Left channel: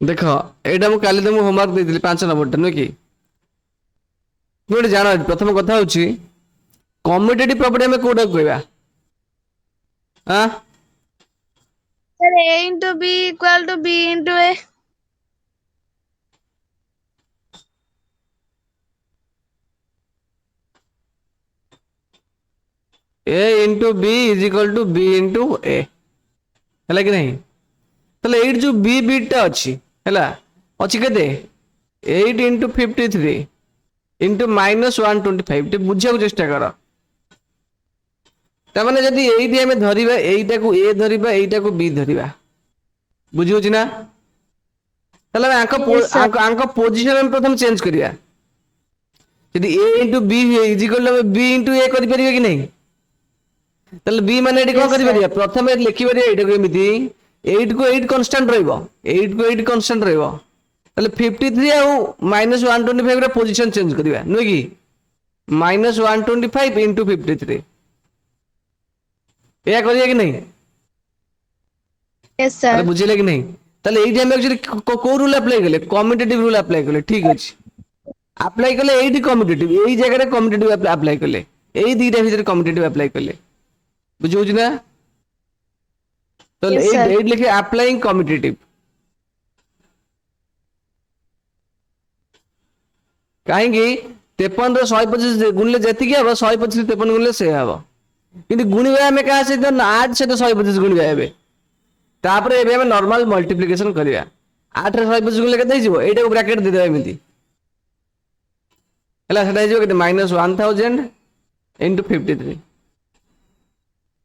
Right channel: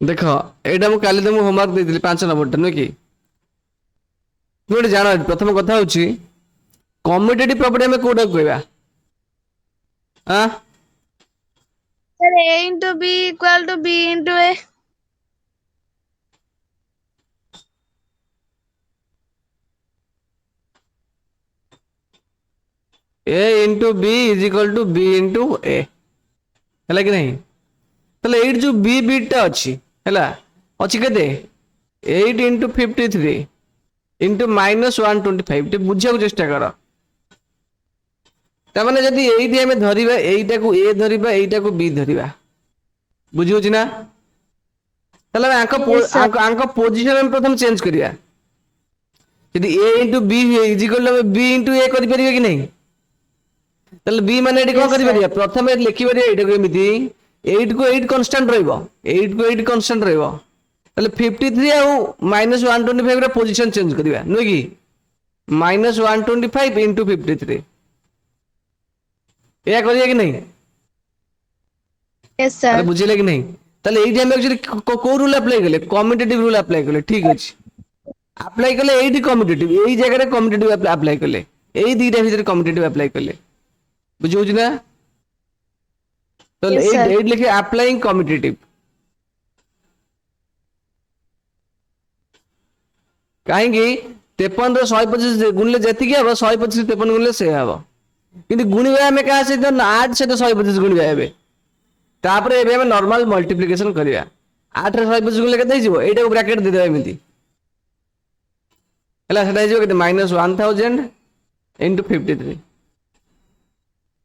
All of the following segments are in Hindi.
देख एटा मु काली तुमको होमवर्क देइଥିଲି 5 नंबर नुह कि तुम जान प्रथम कथा हूँ कम्यूटेटिव प्रॉपर्टी हमें कोटा कहवा हाँ Sir, A into B equal to B into A. A into B is equal to B into A है कि नहीं ताले एट जो बी बीटा अच्छी है अच्छी के 8 इंटू 53 इंटू -125 टे बुझा चेष्टा कर ताने जदि एटी आम धरवा एटा को ए धरवा एटा को बी धरवा बुझी ना Yes, sir. पोजिशन प्रथम चेंज करिया यदि A into B is equal to B into A कर परिबे कि नहीं ताले बी माने एटी कोन Yes, करि sir. परिया प्रथम लिखि परिया एटा को एमिति 8 को 8 कांस्टेंट रहइबो 8 को 8 कांस्टेंट रहइबो ताले 53 आ -125 रा पोजीशन चेंज करिया नो कि -125 इंटू 53 या करिया कि नहीं Yes, अरे sir. बुझिले कि नहीं ताले एठी हम एक्चुअली को रूल अप्लाई करले कम्यूटेटिव रूल अप्लाई करले ठीक अछि अप्लाई करले एठी कम्यूटेटिव एही जगह रे कम्यूटेटिव अप्लाई करले एही दीटा भीतर कम्यूटेटिव अप्लाई करले बुझौ ना तो Yes, sir. 8 लिखे अप्लाइंग कम्यूटेटिव कहीं 53 रो 125 गुणले जति के 125 53 गुणले से हबो किंतु गुणिबा हमें कहा से 8 से 125 गुणिबा हेबे तापरे एबे हम नॉर्मल मल्टीप्लिकेशन करिया 8 रे 125 गुणले केते हिजो एटा को ब्रैकेट दे देबा एमिति हला सेटा हिजो केते -1000 इनटू 53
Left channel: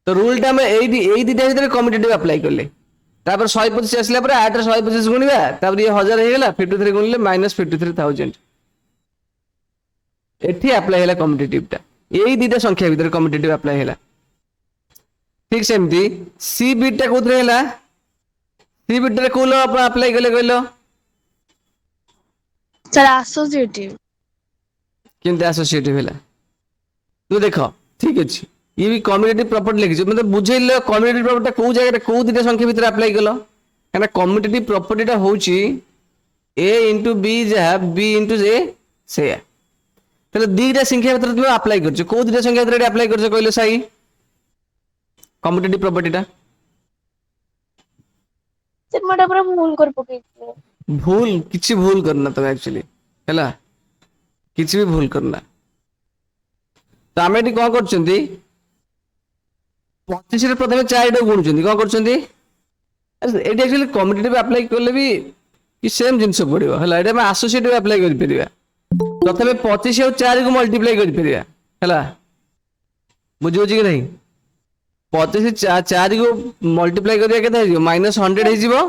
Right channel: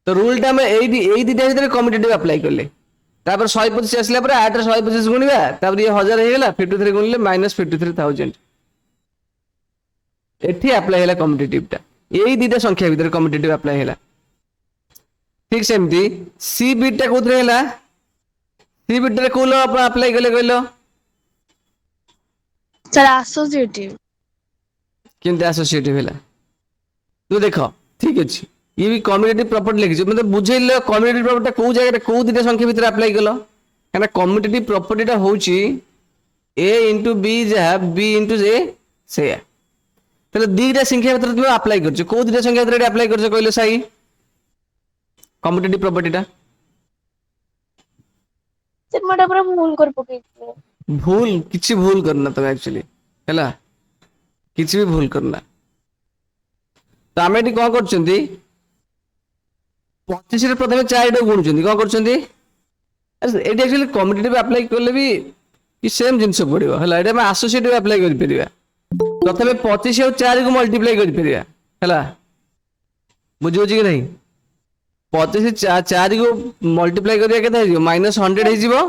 तो रूल टा में एई दिटा भीतर कम्यूटेटिव अप्लाई करले तापर 125 आसला पर 8 रे 125 गुणिबा तापर ये 1000 हे गेला 53 गुणले -53000 एठी अप्लाई हैला कम्यूटेटिव टा एई दिटा संख्या भीतर कम्यूटेटिव अप्लाई हैला ठीक सेमती सी बीट टा कोथरे हैला सी बीट रे कोलो अपन अप्लाई करले कहलो Sir, associative. केनते एसोसिएटिव हैला तू देखो ठीक अछि ये भी कम्यूटेटिव प्रॉपर्टी लिखि मतलब बुझैले कम्यूटेटिव प्रॉपर्टी को जगह को दिटा संख्या भीतर अप्लाई कलो काना कम्यूटेटिव प्रॉपर्टी टा होची a into b जा b into a से तले दीटा संख्या भीतर तुम अप्लाई करछ को दिटा संख्या भीतर अप्लाई करछ कहलो सही कम्यूटेटिव प्रॉपर्टी टा Sir, मोटा पूरा भूल कर पकेइले. भूल किछि भूल करना तो एक्चुअली हैला किछि भी भूल करना तो आमे एटी कोन करछंती 25 रे प्रथमे 4 टा गुणुछंती कोन करछंती अरे एटी एक्चुअली कम्यूटेटिव अप्लाई करले भी कि सेम जिंस पड़िबो हैला एटा में एसोसिएटिव अप्लाई करि परिबा प्रथमे 25 और 4 को मल्टीप्लाई करि परिबा हैला बुझो कि नहीं 25 4 को मल्टीप्लाई करिया केते हिजो -100 हिजिबो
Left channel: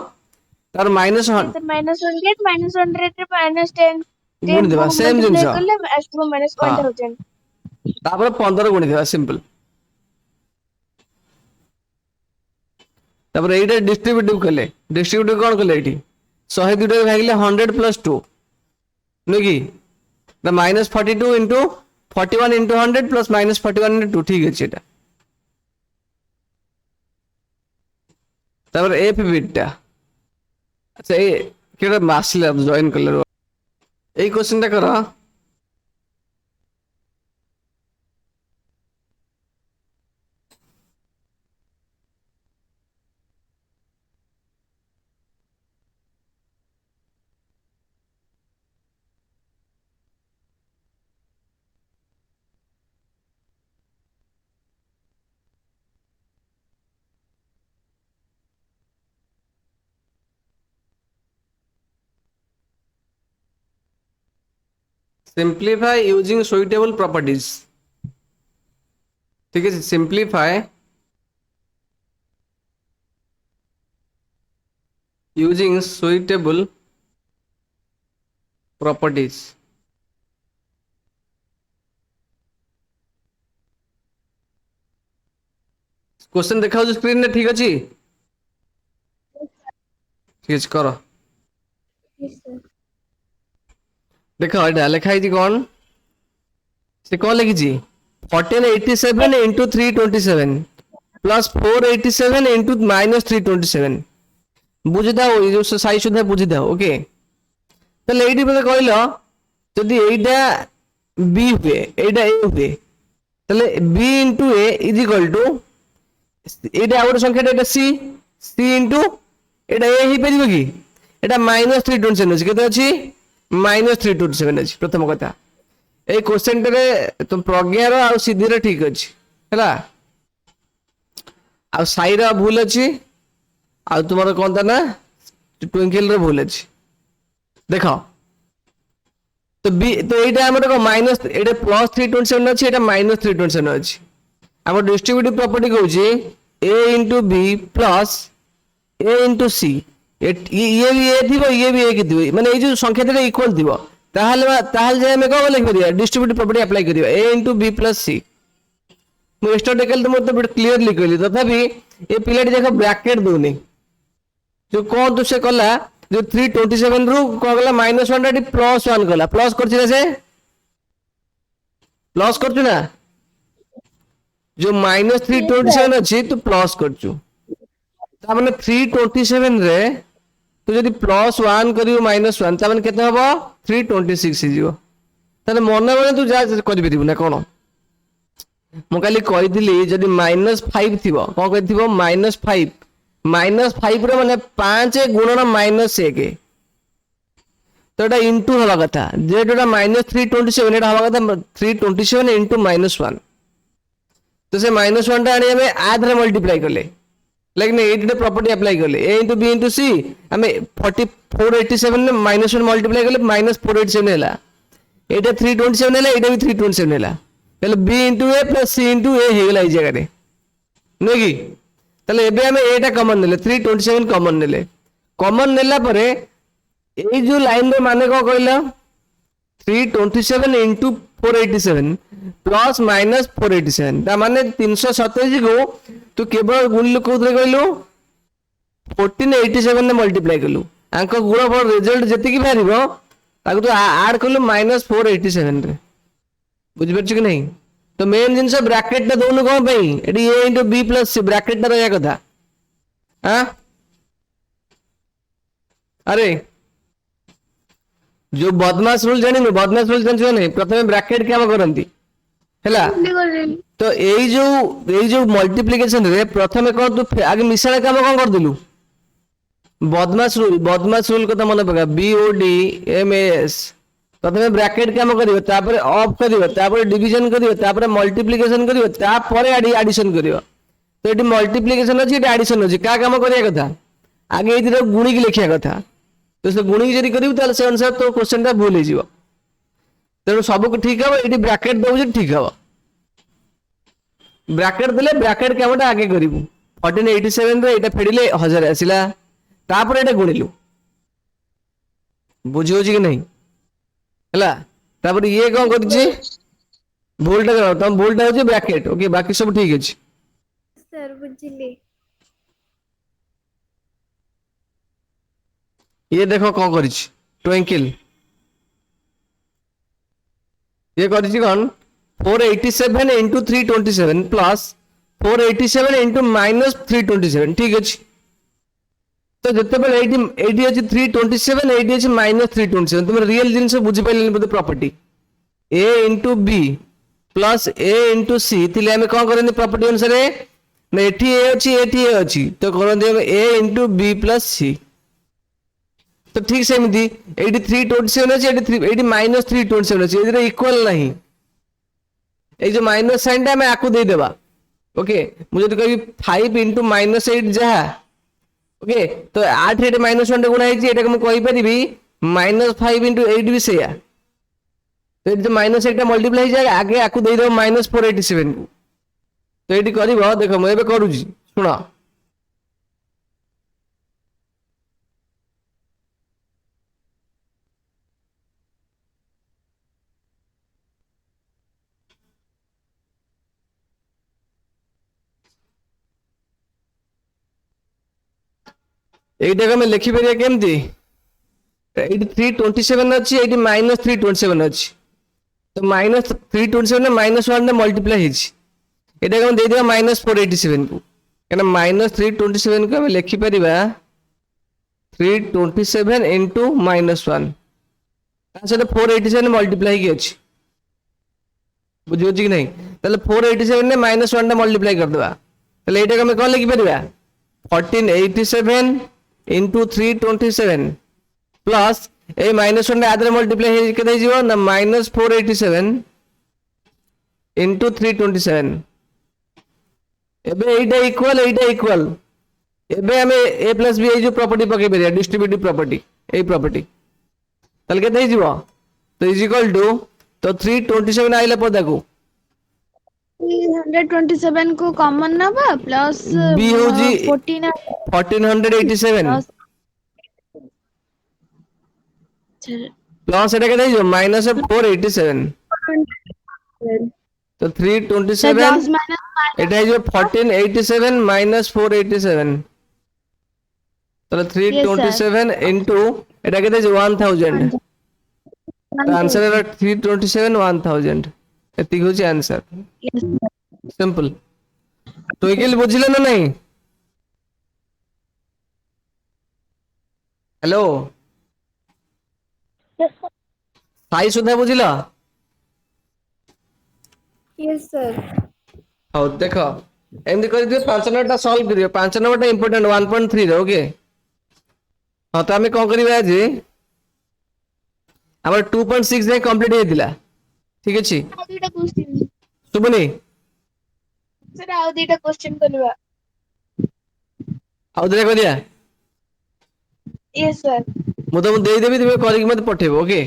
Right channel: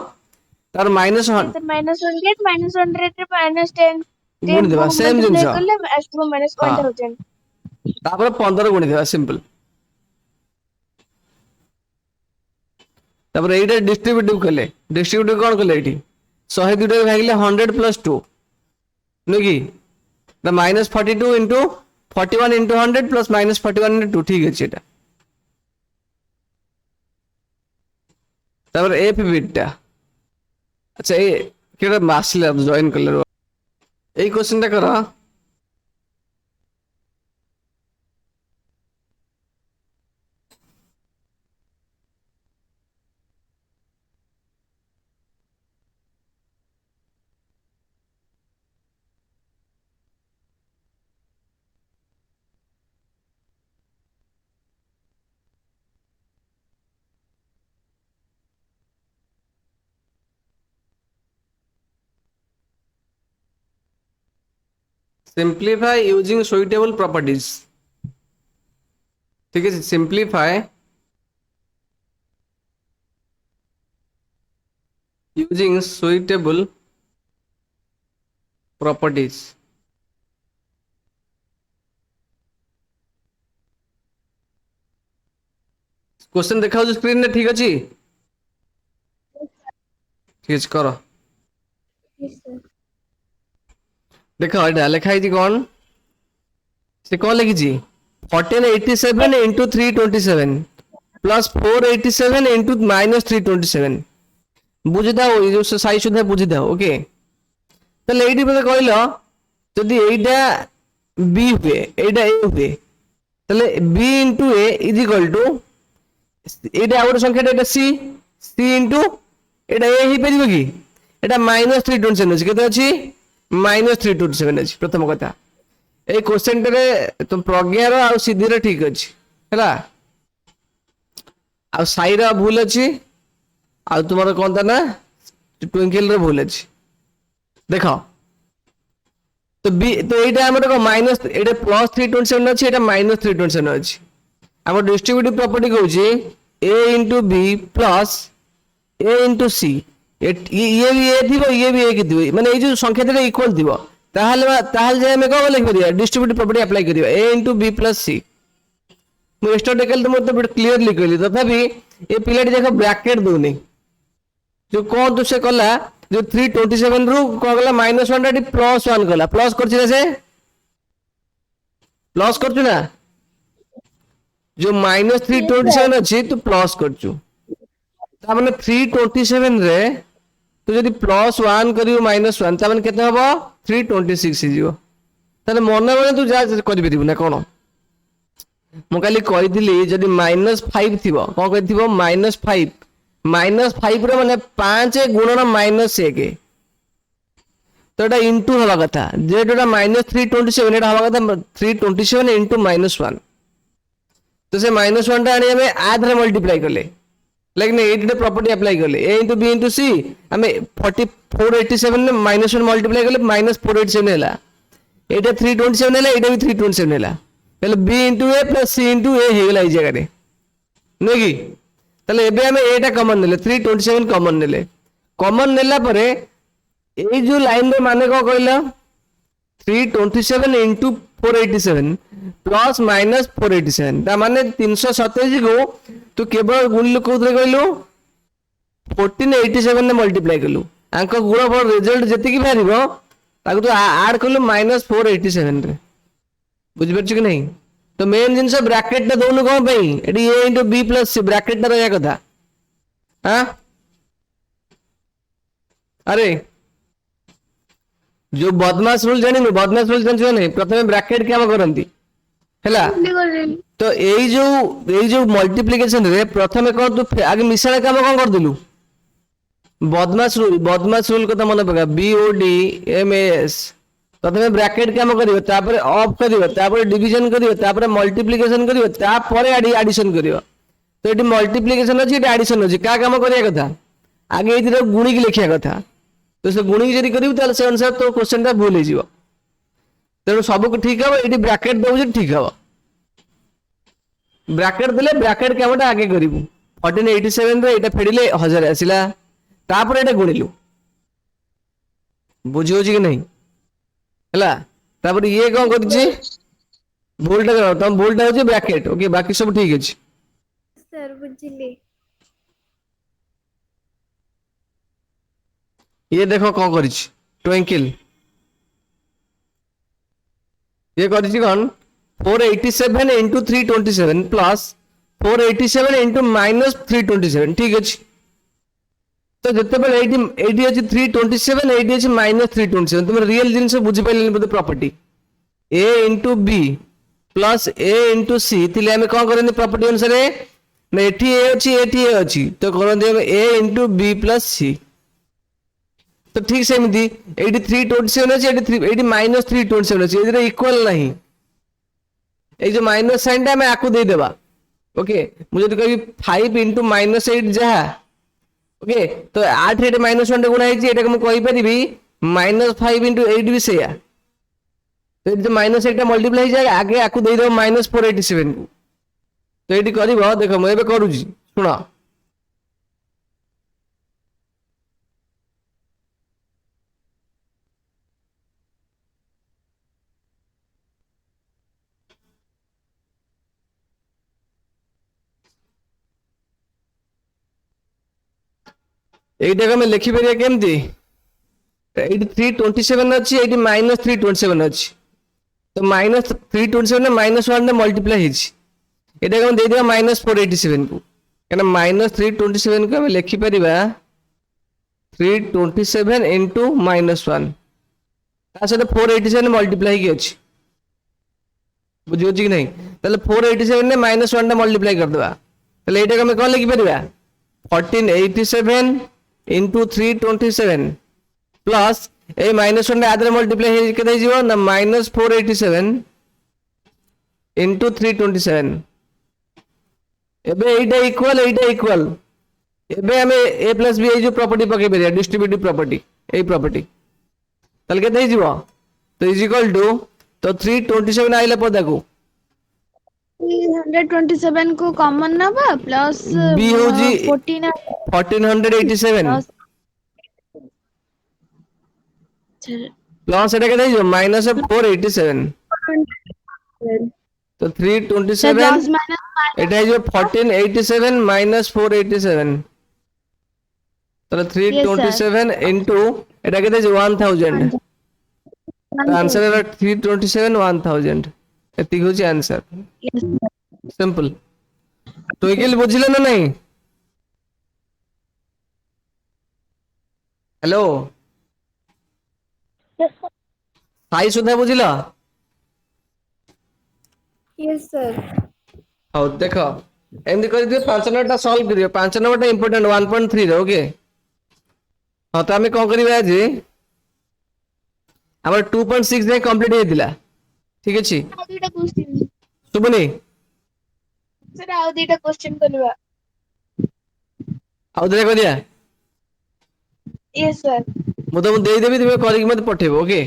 तार माइनस Sir, -100, -100 रे -10. गुण 10 देबा को सेम multiply जिंस करले आसबो हाँ -1000. तापर 15 गुणी देबा सिंपल तापर एटा डिस्ट्रीब्यूटिव कले डिस्ट्रीब्यूटिव कोन कले एठी 100 दुटा भागिले 100 प्लस 2 नै कि the -42 into 41 into 100 plus -41 into 2 ठीक अछि एटा तापर एफ बीटा अच्छा ए केटा मासले अब जॉइन करले এই কোশ্চেনটা করো सिंप्लीफाई यूजिंग सुइटेबल प्रॉपर्टीज ठीक है simplify using suitable properties question देखा स्क्रीन में ठीक अच्छी ठीक है करो Yes, sir. देखो एटा लिखा है कौन से कौन लिखी 1487 इंटू 327 प्लस 487 इंटू -327 बुझीदाओ ये जो साई सुधा बुझीदाओ ओके ताले एइडी मते कहलो जदि एइडा बी हुए एइडा ए हुए ताले B into A is equal to एइडा और संख्याटा एटा सी सी इनटू एटा ए ही परिबो कि एटा -327 अछि केते अछि -327 अछि प्रथम कथा ए क्वेश्चन रे तुम प्रज्ञा रो आ सिद्धि रे ठीक अछि हैला आ साई रा भूल अछि आ तुमर कोन ता ना ट्विंकल रे भूल अछि देखो तो बी तो एटा हमर को माइनस एटा +327 अछि एटा -327 अछि हमर डिस्ट्रीब्यूटिव प्रॉपर्टी कहू छी a into b plus a into c ये भी ए थी ये भी एक थी माने ए जो संख्या देले इक्वल थीबो ताहाल जे हमें को लिख दिया डिस्ट्रीब्यूटिव प्रॉपर्टी अप्लाई करियो a into b plus c मु एक्स्ट्रा टेकल तो मतलब क्लियर लिख लिखली तथापि ए पिलाटी देखो ब्रैकेट दोनी जो कोन तो से कला जो 327 रु को गला -1 डी +1 गला प्लस करछि ना से प्लस करछु ना जो -327 अछि तो प्लस करछु ता माने 327 रे तो जदि +1 करियो -1 ता माने केते हबो 326 हिजियो ताले मने मने तू जा करि परिबु ना कोन मु काली कहिथिली जदि -5 थिबो कोन कहिथिबो -5 रे माने 5 गुणन -1 तो एटा इनटू हवा कथा जेटा -327 एटा हवा कथा 327 इनटू -1 तो से -1 टा आनी हमें आध रे मल्टीप्लाई करले लेकिन एट प्रॉपर्टी अप्लाई करले a into b into c हमें 487 ने -1 मल्टीप्लाई करले -487 हैला एटा 327 हैला एटा भी 327 हैला पहले b into a plus c into a हेला ई जगह रे नै कि तले एबे हमें एटा कॉमन नेले 327 कॉमन नेला परे ए जो लाइन रे माने को कहला 327 into 487 प्लस माइनस 487 ता माने 327 को तू केवल गुणलु कोथरे कहलु 1487 ने मल्टीप्लाई करलु आंक गुणफल रिजल्ट जति की बारिबो ताको तू ऐड करलु -487 रे बुझि परछ कि नहीं तो मेन जिंस ब्रैकेट ता दोनु कोन पई एडी a into b plus c bracket ता रहया कथा हां अरे जो बदमाश रूल जानी बदमाश रूल जानी नहीं प्रथमे ब्रैकेट काम करंती हैला तो एई जो मल्टीप्लिकेशन रे प्रथमे कोन तू आगे मिश्रण काम कोन कर दिलु बदमाश रूल कथा मन पका BODMAS प्रथमे ब्रैकेट काम करियो तापर ऑफ करियो तापर डिवीजन करियो तापर मल्टीप्लिकेशन करियो तापर एडिशन करियो तो एटी मल्टीप्लिकेशन अछि एटी एडिशन अछि का काम करिया कथा आगे एती गुणी की लिखिया कथा तो से गुणी जरी करियो ताले से अनुसार तो क्वेश्चन ता भूल हिजियो तेनु सब को ठीक हबो एटी ब्रैकेट दउ जे ठीक हबो ब्रैकेट देले ब्रैकेट कामटा आगे करिवु 1487 रे एटा फेडिले 1000 आसिला तापर एटा गुणिलु बुझियो जी कि नहीं हला तापर ये कोन करछि भूलटा करो तम भूलटा होछि ब्रैकेट ओके बाकी सब ठीक अछि सर बुझिली ये देखो कौन करिछ ट्विंकल ये करिछ कोन 487 into 327 plus 487 into -327 ठीक अछि तो जते बेले 80 अछि 327 80 अछि -327 तुम रियल जिंस बुझि पाइले बते property a into b plus a into c तिले हमें कोन करनी प्रॉपर्टी अनुसार ने एठी a अछि तो करन दे a into b plus c तो ठीक से मिदी 327 अछि 327 अछि एदिरे इक्वल नहीं ए जो माइनस साइन ता मैं आकु दे देबा ओके मुझे तो कहि 5 into -8 जहा ओके तो 8 रे -1 रे गुणा हेछि एटा को कहि परिबी -5 into 8 भी सेया तो जो -8 टा मल्टीप्लाई जाय आगे आकु दे दो -487 को तो एटी करबो देखो मैं एबे करूजी सुनो एटा को मैं लिखि परिया केमती एटी 327 अछि एटी -327 अछि तो -327 ने -1 ने मल्टीप्लाई हेछि एटा को दे दिया -487 को एना -327 को हम लिखि परिबा 327 into -1 ତା ସହିତ 487 ମଲ୍ଟିପ୍ଲାଏ ହେଇକି ଅଛି ବୁଝିହଉଛି କି ନାହିଁ ତାହେଲେ 487 ରେ -1 ଟା ମଲ୍ଟିପ୍ଲାଏ କରିଦେବା ତାହେଲେ ଏଇଟାକୁ ଆମେ କଣ ଲେଖିପାରିବା 1487 into 327 प्लस ए -1 रे आदरे मल्टीप्लाई हे केते हिजो ना -487 into 327 एबे एटा इक्वल एबे हमें a plus b जो प्रॉपर्टी पके परिया डिस्ट्रीब्यूटिव प्रॉपर्टी ए प्रॉपर्टी तल केते हिजो तो इज इक्वल टू तो 327 आइले पदा को 327 को कॉमन नबा प्लस b होजी 1487 1487 प्लस एटा केते हिजो -487 तो 327 प्लस माइनस एटा हिजो 1487 -487 तो 327 into एटा केते हिजो 1000 आंसर है 327 1000 एति होची आंसर सिंपल तो एकिल बुझिले ना नहीं हेलो साई सुधा बुझिला यस सर हो देखो एमदी कर दियो 5 नंबर सॉल्व करियो 5 नंबर इंपोर्टेंट 1.3 रे ओके हां तो हमें कोन करिबा जे हमर 2.6 में कंप्लीट हेतिला ठीक अछि आउ दुटा क्वेश्चन सुबनी सर आउ दुटा क्वेश्चन करबा आउ दे करिया यस सर मु तुम दे देबी तुम करिक मत पठेबो ओके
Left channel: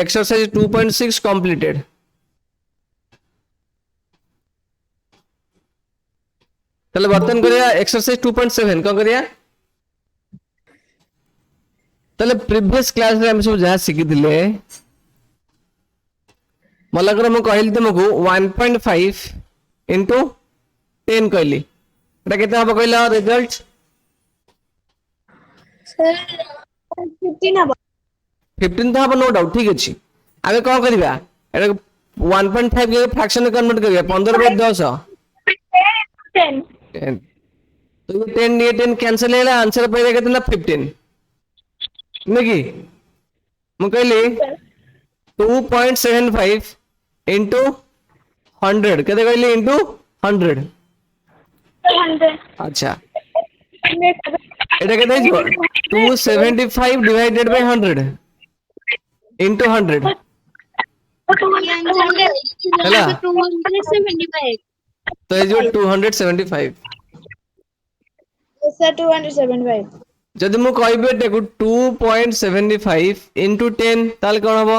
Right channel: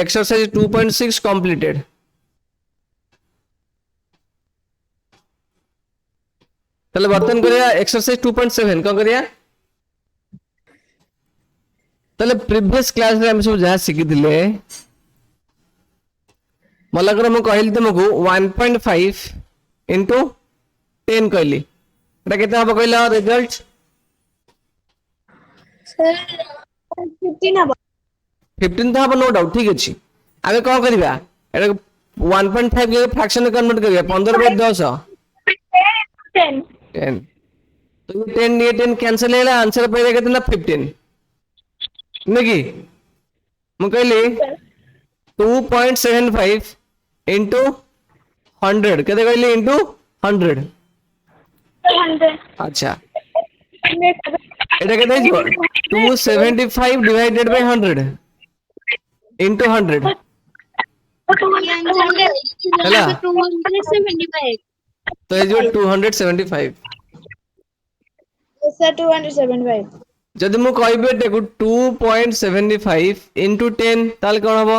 एक्सरसाइज 2.6 कंप्लीटेड चलो बर्तन करिया एक्सरसाइज 2.7 कौन करिया चलो प्रीवियस क्लास में हम सब जहाँ शिखिले मलकर मु कहली तुमको 1.5 into 10 कहली एटा केते हबो कहला रिजल्ट सर 15 हबो 15 तो हबो नो डाउट ठीक अछि आगे कौन करिया एटा 1.5 के फ्रैक्शन में कन्वर्ट करिया 15/10 10 10 तो ये 10 ये 10 कैंसिल हैला आंसर पड़ेगा कितना 15 नहीं मु कहली 2.75 into 100 केते कहली into 100 अच्छा एटा केते हिजो 275 divided by 100 into 100 आंसर 275 तो ये जो 275 सर 275 जदि मु कहबे देखो 2.75 into 10 ताल कोन हबो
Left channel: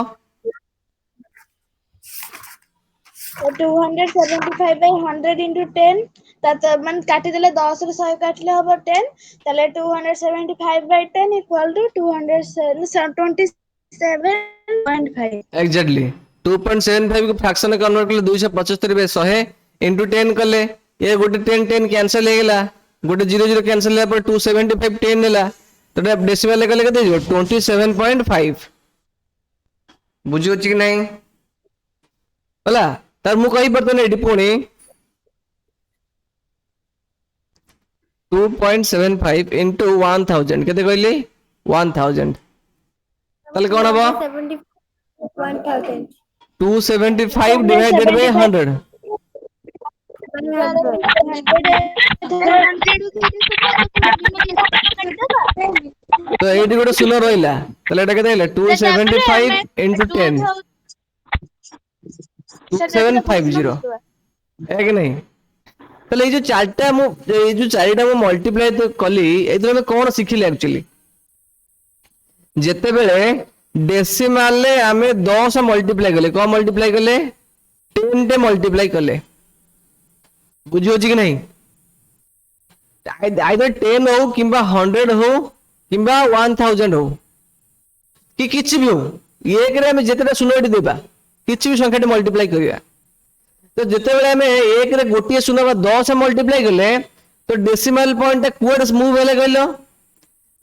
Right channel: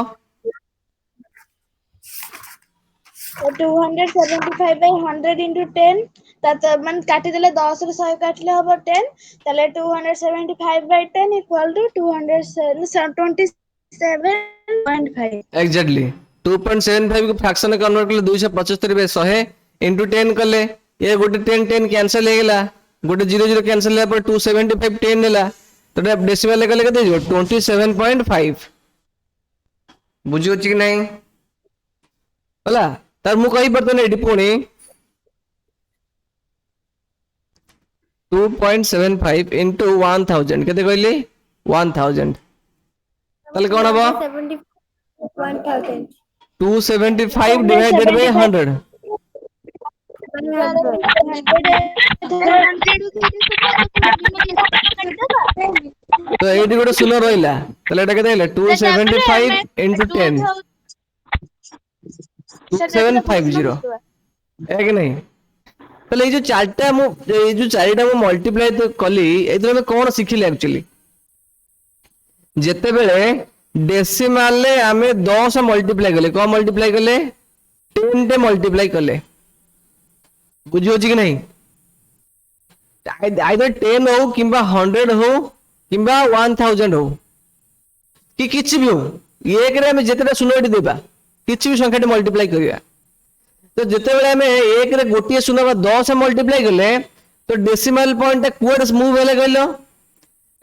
275 by 100 into 10 तात मन काटी देले 10 रे 100 काटले हबो 10 ताले 275 by 10 equal to 227.5 एग्जैक्टली 2.75 को फ्रैक्शन में कन्वर्ट करले 275 बे 100 into 10 करले ये गोटे 10 10 कैंसिल हे गेला गोटे 0 0 कैंसिल हे पर 275 10 नेला तो डेसिमल लेके केते हो 27.5 बुझियो छी कि नहीं हला तार मु कहि परते नै पुणी 2.75 into 1000 केते कहली 1000 ताले कोन हबो 275 divided by 100 तो एडी गोटे शून्य रहिला ताले एटा केते हैला 275 into 10 2750 है कि नहीं ताले ये जो चारटा मु ये जो चारटा मु मल्टीप्लाई तो कली एथरे में कोन सिखिले एक्चुअली जेते बेले डेसिमल ले हमें 10 मल्टीप्लाई कले को मल्टीप्लाई कले 10 टे मल्टीप्लाई कले बुझियो छी कि नहीं आइदर 10 हो किंबा 100 हो किंबा 1000 हो कि किछि भी हो एक रे हमें जेतेटा शून्य देबा किछि भी संख्या मल्टीप्लाई करिया तो जेते बेले हमें एक रे गोटिए शून्य का 10 मल्टीप्लाई कले तो डेसिमल पॉइंट कुआडे मूव हेले कहलो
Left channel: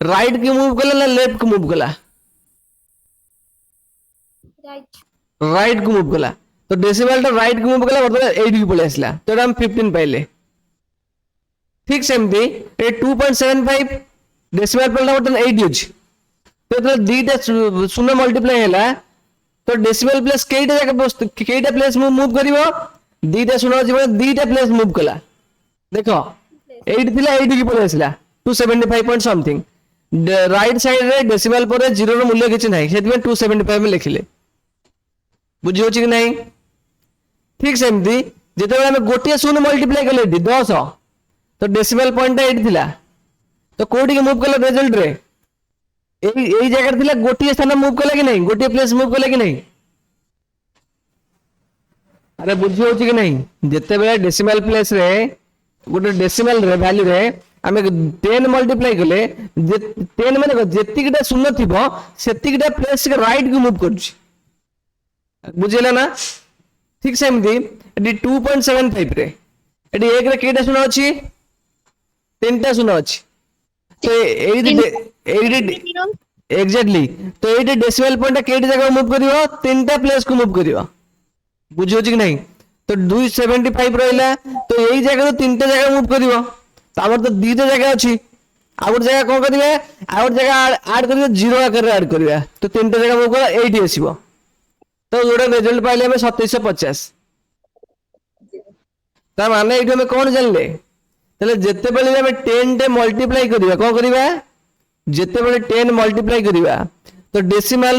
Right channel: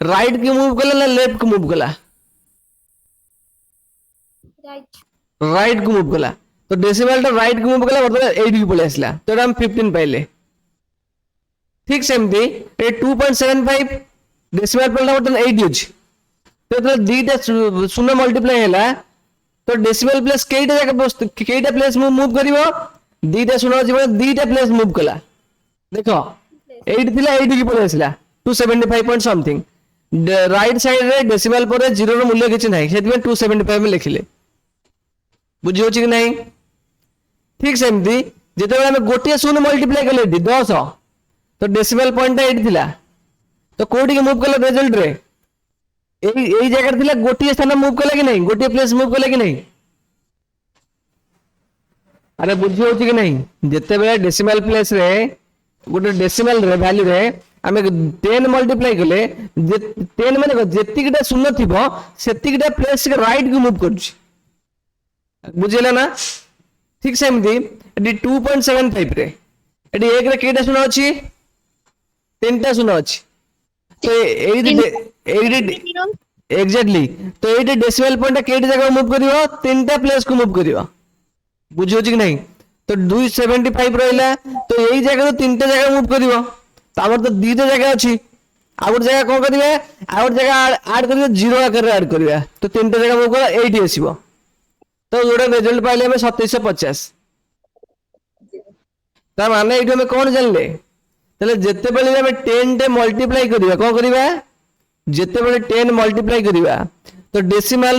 राइट की मूव कले ना लेफ्ट को मूव कला राइट को मूव कला तो डेसिमल टा राइट को मूव कला मतलब 8 की पळे आसला तो हम 15 पाइले ठीक सेमती ए 2.75 डेसिमल पॉइंट बर्तन 8 अछि तो जो दीटा शून्य मल्टीप्लाई हैला तो डेसिमल प्लेस केईटा प्लेस मूव करिवो दीटा शून्य अछि दीटा प्लेस मूव कला देखो 8 थिला 8 की पळे आसिला 275 पॉइंट समथिंग राइट साइड रे डेसिमल पर 0 रो मूल्य किछि नाही सेति में 275 में लिखिले बुझि होछि कि नाही ठीक सेमती जेते बेला हम गोटिया शून्य मल्टीप्लाई कले 10 तो डेसिमल पॉइंट 8 थिला तो कोडी के मूव कले रिजल्ट रे এই জায়গাটা দিলে গোটিয়ে স্থানে মুভ কলে কি নাই গোটিয়ে প্লেস মুভ কলে কি নাই আরে বুঝি হচ্ছে কি নাই যেতেবেলে ডেসিমাল প্লেস রে গোটে ডেসিমাল রে ভ্যালু রে আমি 10 মল্টিপ্লাই কলে 10 মানে যেতিকিটা শূন্য থিব সেতিকিটা প্লেস কে রাইট কু মুভ করছি বুঝিলা না ঠিক সেমতি এটি 2.75 রে এটি 1 রে কেটা শূন্য আছে তিনটা শূন্য আছে तो एग्जैक्टली तो ये डेसिमल पॉइंट केटी जगह मूव करियो तीनटा प्लेस को मूव करियो बुझियो कि नहीं तो 275 रहला तो यही जगह तीनटा जगह मूव करियो तो हमर तो दीटा जगह अछि आउट जगह कोन करिवे आउट जगह ऐड करियो जीरो आकर ऐड करिया तो तीनटा जगह मूव कर 80 आसीबो तो जोडे रिजल्ट पाइले हमें 2750 ता माने एठो में कोन जानले तले जेते बेले हम 10 टे मल्टीप्लाई करिया कोन करिवा जेते बेले 10 मल्टीप्लाई करिवा तो डेसिमल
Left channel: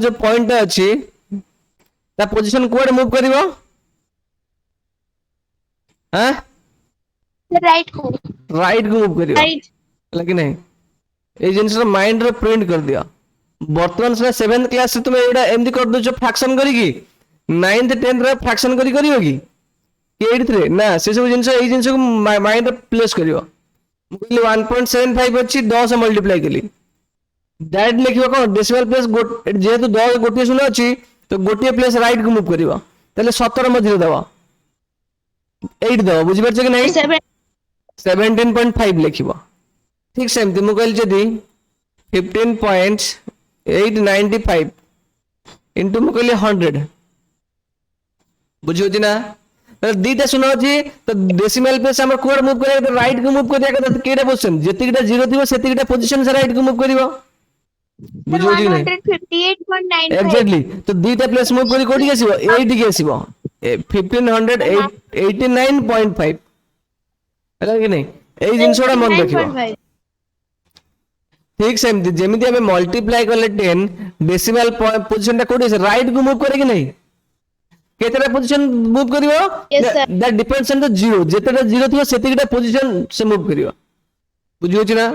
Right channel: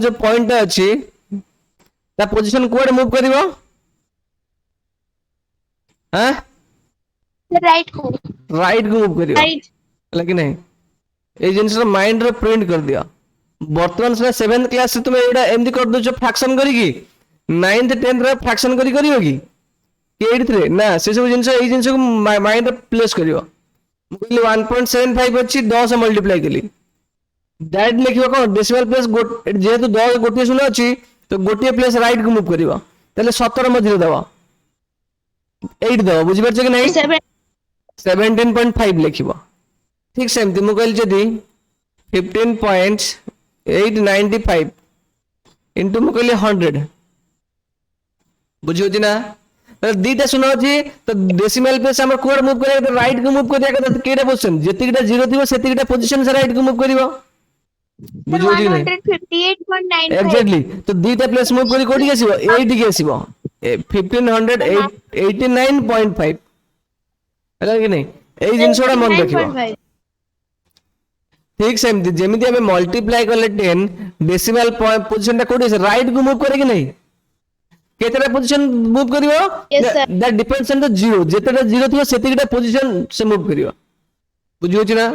जो पॉइंट अछि ता पोजीशन कोड मूव करिवो हैं राइट को मूव करिवो राइट लेकिन नहीं ए जिंस माइंड रे प्रिंट कर दिया वर्तमान से 7th क्लास से तुम एडा एमदी कर दो फ्रैक्शन करी की 9th 10th रे फ्रैक्शन करियो की 8th रे ना से सब जिंस ए जिंस को माइंड रे प्लेस करियो मु कहली 1.75 अछि 10 मल्टीप्लाई कली डायरेक्ट लिखियो कोन डेसिमल प्लेस जेहेतु 10 गोटे शून्य अछि तो गोटे प्लेस राइट को मूव करियो तले 17 मझिरे दबा 8 दबा बुझि परछ कि नहीं 17.5 लिखिबो ठीक सेमती मु कहली जदी 15.895 इनटू मु कहली 100 बुझियो ना दीटा शून्य अछि तो डेसिमल प्लेस हमर कोड मूव करे तो राइट को मूव करिया तो केटा पोजीशन जेतिकिटा जीरो थिबो सेतिकिटा पोजीशन से राइट को मूव करिवो 158.95 एग्जैक्टली तो दीटा प्लेस मूव करी कोडी आसीबो 80 के आसीबो 1589.5 हैला कि नहीं ए जिंसोडा मन रखिबो ठीक सेमती जेमिति हमें मल्टीप्लाई करले 10 डेसिमल पोजीशन ता कोडी से राइट को मूव करे कि नहीं केतेटा पोजीशन मूव करियो that depends on the zero जेतेटा जीरो थियो सेतिकिटा पोजीशन से मूव करियो बुझियो छी ना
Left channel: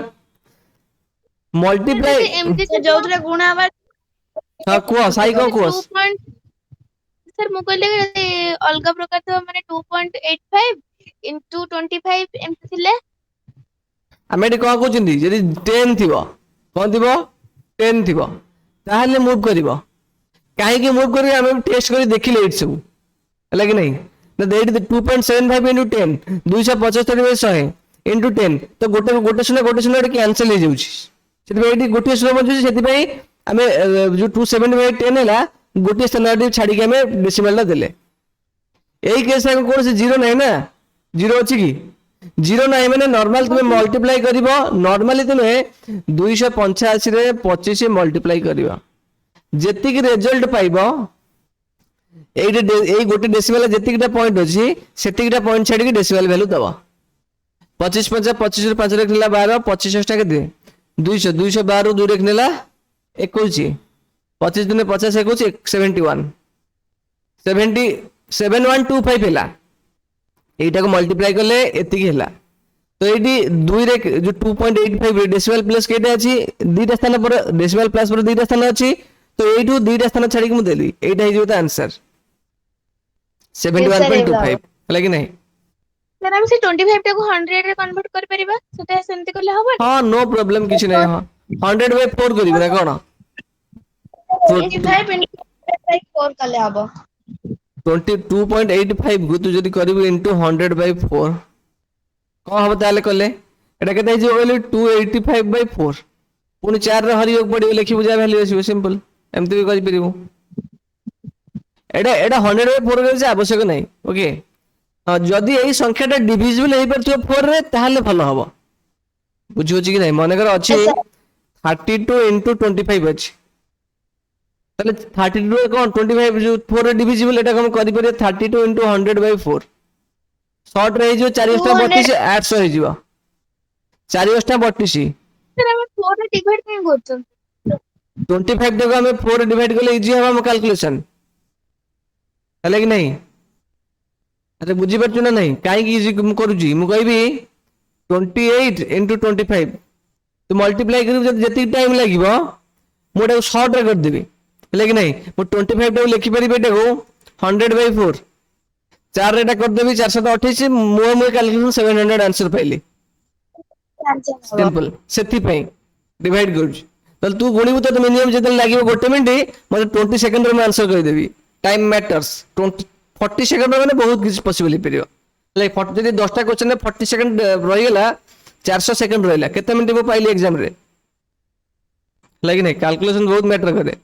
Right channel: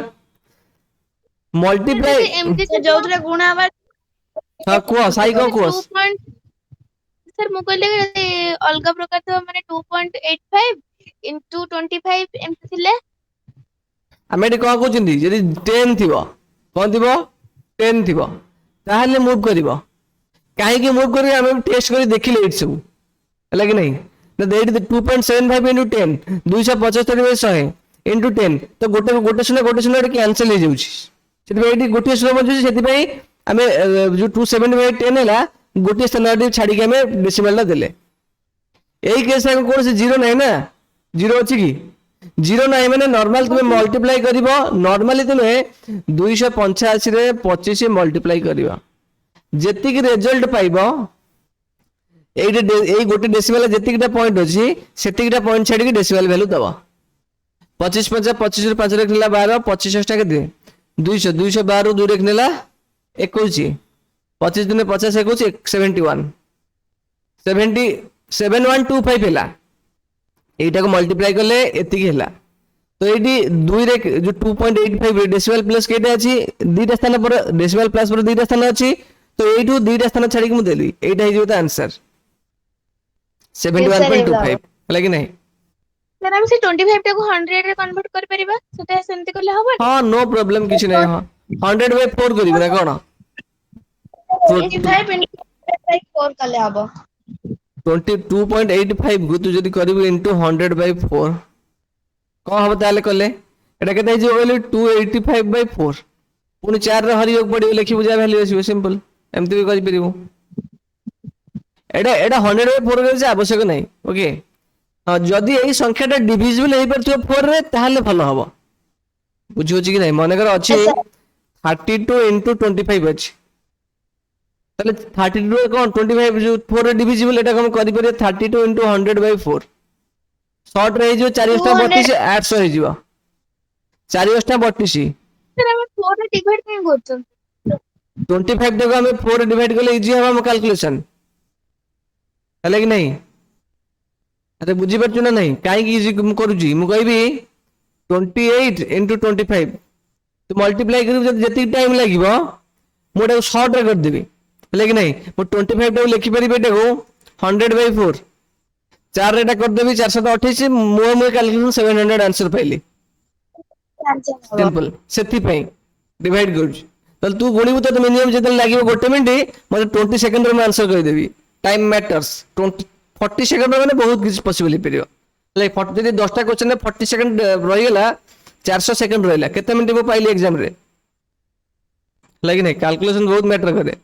मल्टीप्लाई एमती से जोतरे गुणा बा हां को साई को सर मु कहले अलगा प्रकार तो माने 2.85 into 25 एमती थिले हमें को कहउछिंदी यदि 10 थिबो कोन थिबो 10 थिबो ताहले मूव करिवो काहे कि मूव करियो हम टेस्ट करी देखिले एट सब हला कि नहीं तो देट 2.75 into 10 275/100 into 10 तो गोटे शून्य कैंसिल हो जाउछि सेति एटी गोटे शून्य बचुछि सेति पई हमें जो 275 10 हैला गोटे स्थान छाड़ी के हमें डेसिमल ला देले एई केस में कोन से जीरो नहीं ना जीरो अछि की जीरो नहीं माने नॉर्मल तुम मल्टीप्लाई करिवो नॉर्मली तुम 285 रे 25 मल्टीप्लाई करिवो जेतिक रिजल्ट पाइबो एई गोटे डेसिमल जेतिकटा पॉइंट अछि सेतिकटा पॉइंट छाड़ी के डेसिमल वैल्यू दबा 25 25 रे 5 रखला 12 25 टा के दे 200 212 2 रखनेला 21 25 दिन 50 21 71 7125 हैला एटा को मल्टीप्लाई करले एति की हैला तो एटी 2 रे जो 2.85 डेसिमल प्लस केटा अछि दीटा स्थान पर डेसिमल प्लस पर दीटा स्थान अछि तो एटू दीटा स्थान छाड़ी के मु देली एटा हे जो आंसर 71.25 हैला कि नहीं सर हम से 25 टा को 100 रे कन्वर्ट कर परिबा सेटा सेमति करले हबो हां नो प्रॉब्लम किछ नै हां 100/4 करिबो ना कोन 25 into 4 करले हबो 22.85 को तू जदी करिबो इनटू 100/4 को हबो ताले करले एटा केते जे वैल्यू 285/4 पुनी 4 रे हरियोग पडियो लिखि बुझा वैल्यू आसी सिंपल एमति भी करि परिबो एटा 100/4 करे आवश्यक नहीं ओके हाँ जदि यही संख्याटा डिविजिबल हो पारे 4 रे ताहले भल हम बुझे कि नहीं मनकर अच्छे Yes, sir. 32 इंटू 25 अच्छी ताहले 32 कौन 25 जो 4 रे डिविजिबल एटा हम करि परिया 32 इंटू 100/4 शॉर्ट रे जो 4 अष्टा 200 32 800 हो जिवो 4 अष्टा 32 sir ଆମେ 4 ରେ divide କାଇଁ କରୁଛନ୍ତି? 25 टाको हम 4 रे डिवाइड करले इजी हम कैलकुलेशन है कि नहीं अरे बुझी पारछु ना नहीं काई की इजी करूची मु कहबी 28 इंटू 25 तो मल्टीप्लाई करी जति टाइम लागिबो मोटा शॉर्ट रे कर देबी है कि नहीं मु 25 टाको लिखि परिबे टाको 100/4 4 रे टा कर देबी 428 मु कैलकुलेशन 700 आंसर पाइली सिंपल सेति पई डिवाइड करूची तो तू गुणिबु तो मिनिमम जते लागिबो गोटे मिनिट मते 20 सेकंड रे मैं आंसर कहि देबी टाइम मैटर्स 40 सेकंड में बहुत किसी पॉसिबल हो लाइक 10टा क्वेश्चन में 40 सेकंड रहीगला 400 सेकंड रहीला केते मिनिट मु पाइली एग्जाम रे लाइक नहीं कैलकुलेशन बहुत मैटर करे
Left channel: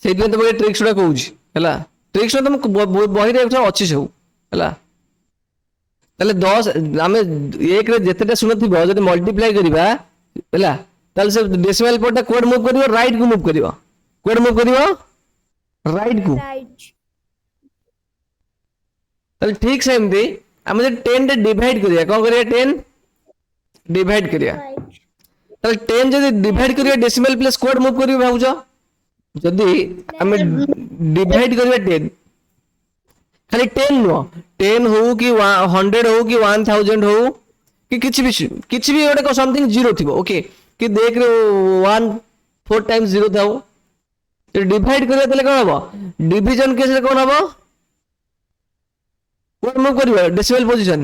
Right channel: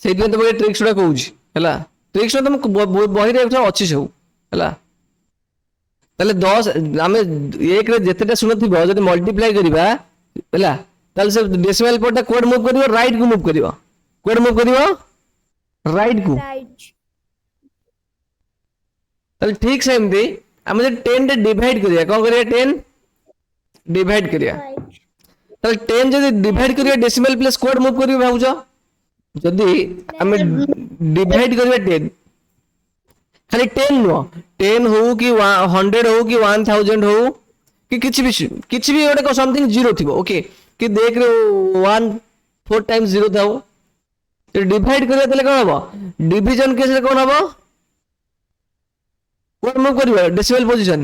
सेदिन तो ट्रिक्स गुड़ा कहूँ है ट्रिक्स तुम बही रे अच्छी सब है ताले 10 आम एक जितेटा शुणुव जब मल्टीप्लाई करवा है ताले से डेसिमल पॉइंट कोड मूव कर राइट को मूव कर कोड मूव कर राइट को Right. ताले ठीक से एमती आम 10 रे डिवाइड करिया कौन करिया 10 डिवाइड करिया Right. ताले 10 जदी डिवाइड करिया डेसिमल प्लेस कोड मूव करियो भाउजो जदी आम डिवाइड करिया 10 खाली 10 नो 10 हो कि 100 हो कि 1000 हो कि किछि भी गोटे समथिंग जीरो थिबो ओके कि देख रे 1 4 टाइम्स जीरो थाओ तो डिवाइड करिया तले कोन हबो डिवीजन केस रे कोन हबो कोन मूव करियो डेसिमल पोजीशन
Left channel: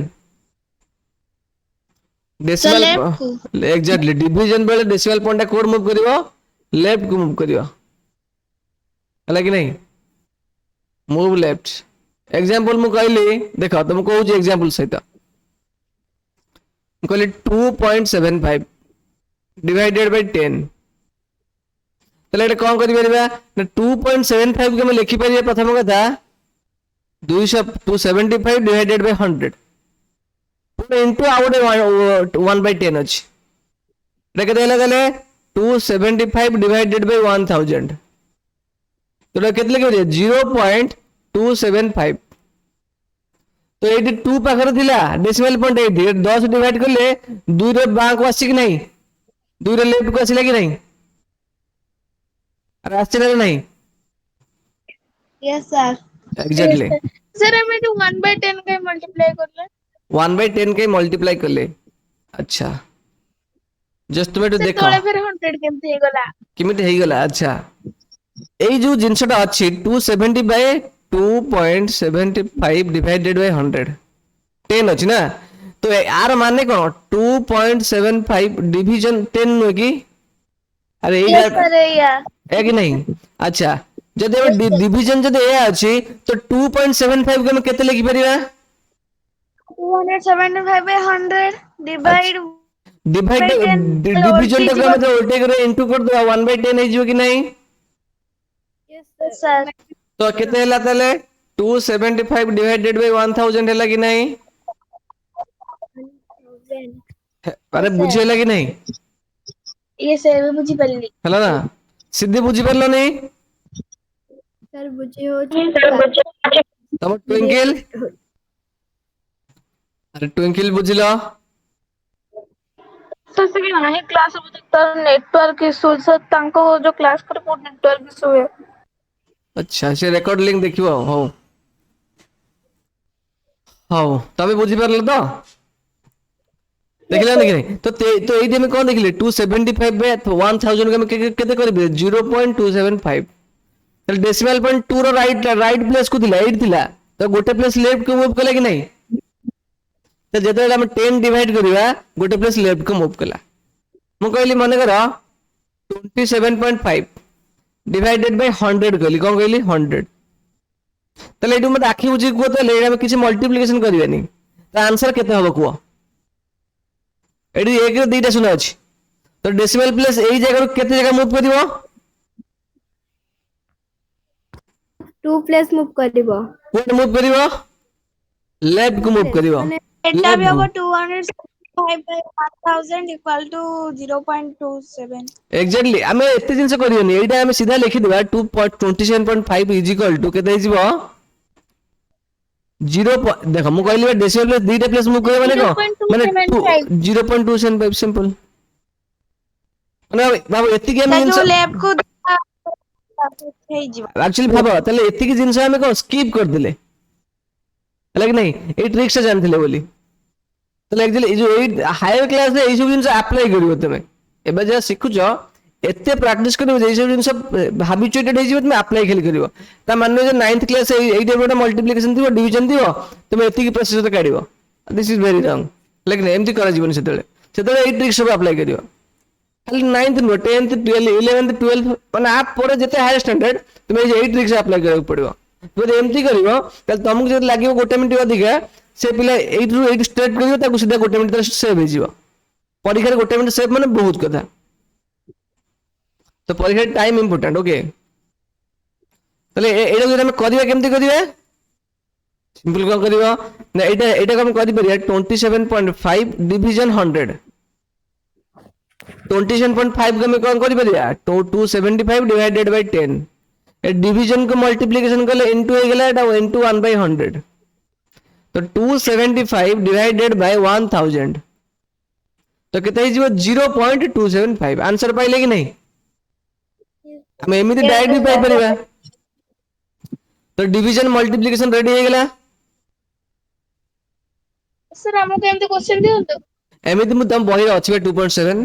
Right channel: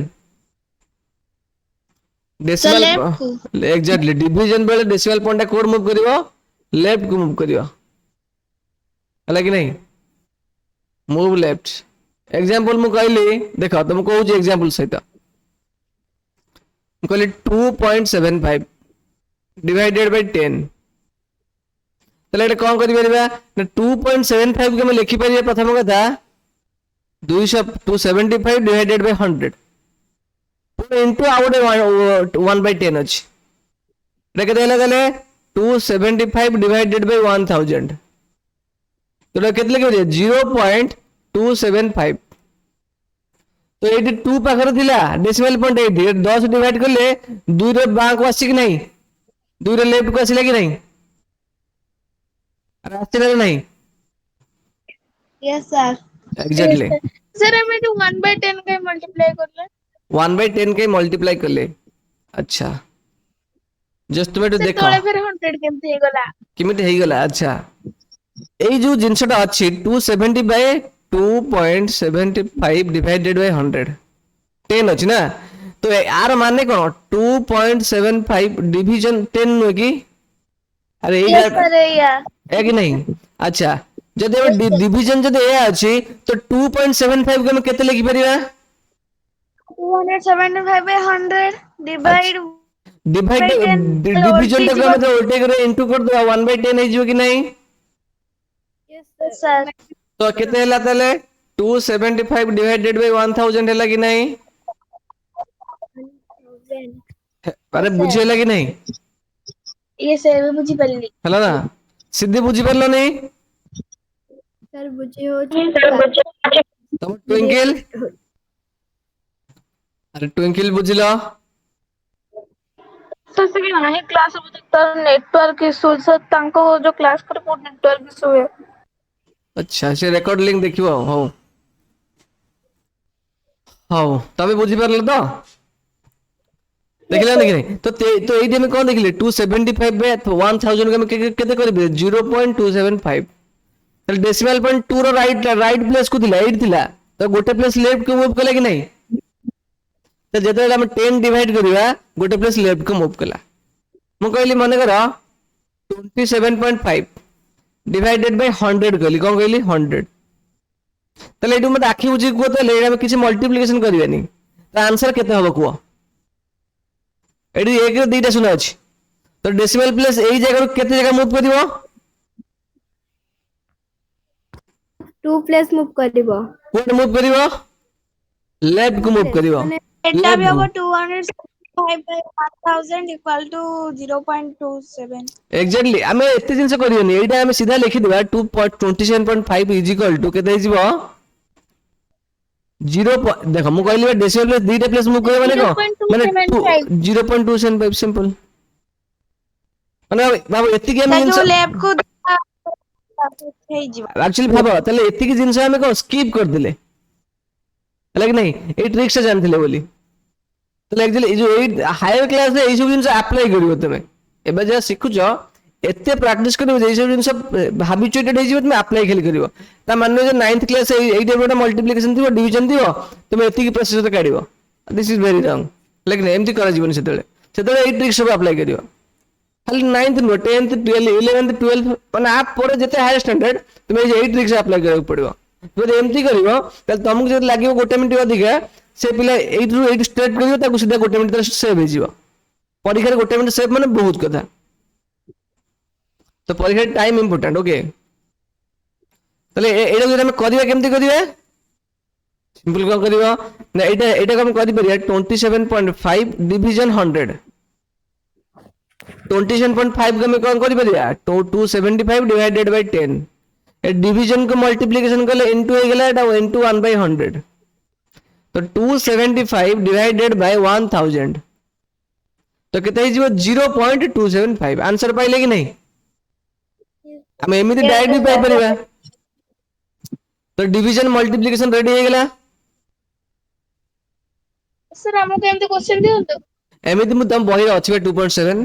डेसिमल left को। एग्जैक्टली डिवीजन बेले डेसिमल पॉइंट कोड मूव करियो लेफ्ट को मूव करियो हला कि नहीं मूव लेफ्ट एग्जांपल मु कहली देखो तुम कहूँ एग्जांपल सहित कहली 2.75 डिवाइडेड बाय 10 तले एटा कोन करि परिबा 2.75 के हम लिखि परिबा प्रथम कथा 275 divided by 100 Pune into out 1/10 अछि एटा केते होला तले 275 डिवाइडेड बाय 1000 तो केते लिखि 0.275 तो ये 2 पाखरे थिला डेसिमल पॉइंट ये 10 डिवाइड करले 2 रे बां को आसी कि नहीं 2 रे लेफ्ट को आसीला कि नहीं अरे आसीला कि नहीं Yes, sir. एग्जैक्टली Sir, हमें तो 1/10 का multiply करले। 1/10 के मल्टीप्लाई करले अच्छा जस्ट तुम्हें Sir, देखो तोले फिर 100 केमती गला। किमिति हेई गला अच्छा एई जो जिंसटा अछि 270 बाय 2.75 डिवाइडेड बाय 100 10 अछि ना तो यार माने कोन 2.75 डिवीजन 10 नो की अरे Yes, sir, या। है कि नहीं अच्छा जदि डिवीजन जदि ए अछि तो 2.75 के हम केते लिखि परिबा 275 by 100 divide divide by 10 division उल्टी तो जीवन। करे उल्टे करे इनटू कर दो 1/10 है जो कि नहीं Yes, sir. तो केते हला तले 275 डिवाइडेड बाय 1000 हला कि नहीं अरे बुझी हला कि नहीं ये सर बुझी पल्ली। हला ना सिद्धि बुझी परला नहीं सर बुझी हो तम ट्विंकल अरे ट्विंकल बुझिलो तो से कि नाही क्लास बुझी तर नेटवर्क इशू सर तांको जो क्लास करे पूर्ण नेटवर्क इशू है। अच्छा से रेकॉर्ड लिंक देखिबो हो हो तमे बुझी परले तो देखिला नहीं तो एई दिन कोन देखिले 275 बाय 1000 के हम केते करबे 0.275 तो decimal point 2 row right place को दिला 8 दिला तो गोटे प्लेस लेफ्ट को मूव कला कि नहीं तो जते हम 10 डिवाइड करबा गोटे प्लेस लेफ्ट को मूव कला मु कहली माने करा 27.5 डिवाइडेड बाय 100 कहली कोन कहली 100 तले एडु मत आखि बुझी को तले हम किसी मल्टीप्लिकेशन करबानी तो आंसर केते हबो को एडी एक रे दुईटा शून्य अछि तो डेसिमल प्लेस एई जगह केते जगह मूव करिवो 2 प्लेस मूव करिवो कोड मूव करिवो लेफ्ट को मूव करिवो माने एटा भी लेफ्ट हबो 275 by 1000 equal to 0.27 एग्जैक्टली आमे एते जिंस करियोनी एटा आमे सीधा लिखि देबा 2.27.5 इज इक्वल टू केते हिजबो 0 देखो मु कहली डेसिमल प्लेस दुईटा प्लेस मूव करियो माने माने 0.275 0.275 सिंपल माने बाबू एति के ता जिंस जो लेफ्ट को हे जीवा एक्चुअली भाबो तले एति के जिंस आमे को स्किप कर देले हला कि नहीं ए ट्रिक से जानथिले बोली तले एक्चुअली जो ए हायर क्लास रे ए सब जिंस अप्लाई करियो तमे एबे जे सिखुचो एते प्रैक्टिस करियो जे सब जिंस हैबिचुएटेड हे जिवो तमे अप्लाई खेल करियो ता माने जे 9th क्लास ए टाइप मल्टीप्लिकेशन दियो डिवीजन दियो तमे एति की प्रोसेस काढियो दिस इज वेरी रॉन्ग लेकिन एमती करा जीवन सेतले ए ट्रिक सब अप्लाई करियो खाली 9th नो 10th 12 11th 12 माने आप पर जते हायर स्टैंडर्ड तमे ए ट्रिक से अप्लाई करक पड़ियो जदि एमती करियो त तुमको जदि लागियो गोटे मिनिट अधिका से पिला एइटु एइट स्ट्रेट करियो ताकू सीधा गोटे मिनिट तर सेव हे जीवो परीक्षा रे गोटे मिनिट सेव माने बहुत कथा तो परीक्षा टाइम इंपोर्टेंट ओके तले एटा जदि हम करिया केमती करिया सिंपल कोन करियो ना एटा हम करि परिया 27.5 डिवीजन 100 27.5 को हम कोन करि परिया 275 डिवाइडेड बाय 10 ए डिवीजन को मल्टीप्लिकेशन करले इनटू हो गेला एटा इनटू 1/100 तो 275 डिवाइडेड बाय 1000 तो केते हिजो 0.275 आंसर पाइले कि नहीं हम एमिति डायरेक्ट भी पाइ परिबा तो डिवीजन मल्टीप्लिकेशन रेडी हो गेला सर हमको एमती क्वेश्चन दियंतो एमिति मु तम बही अछि 2.7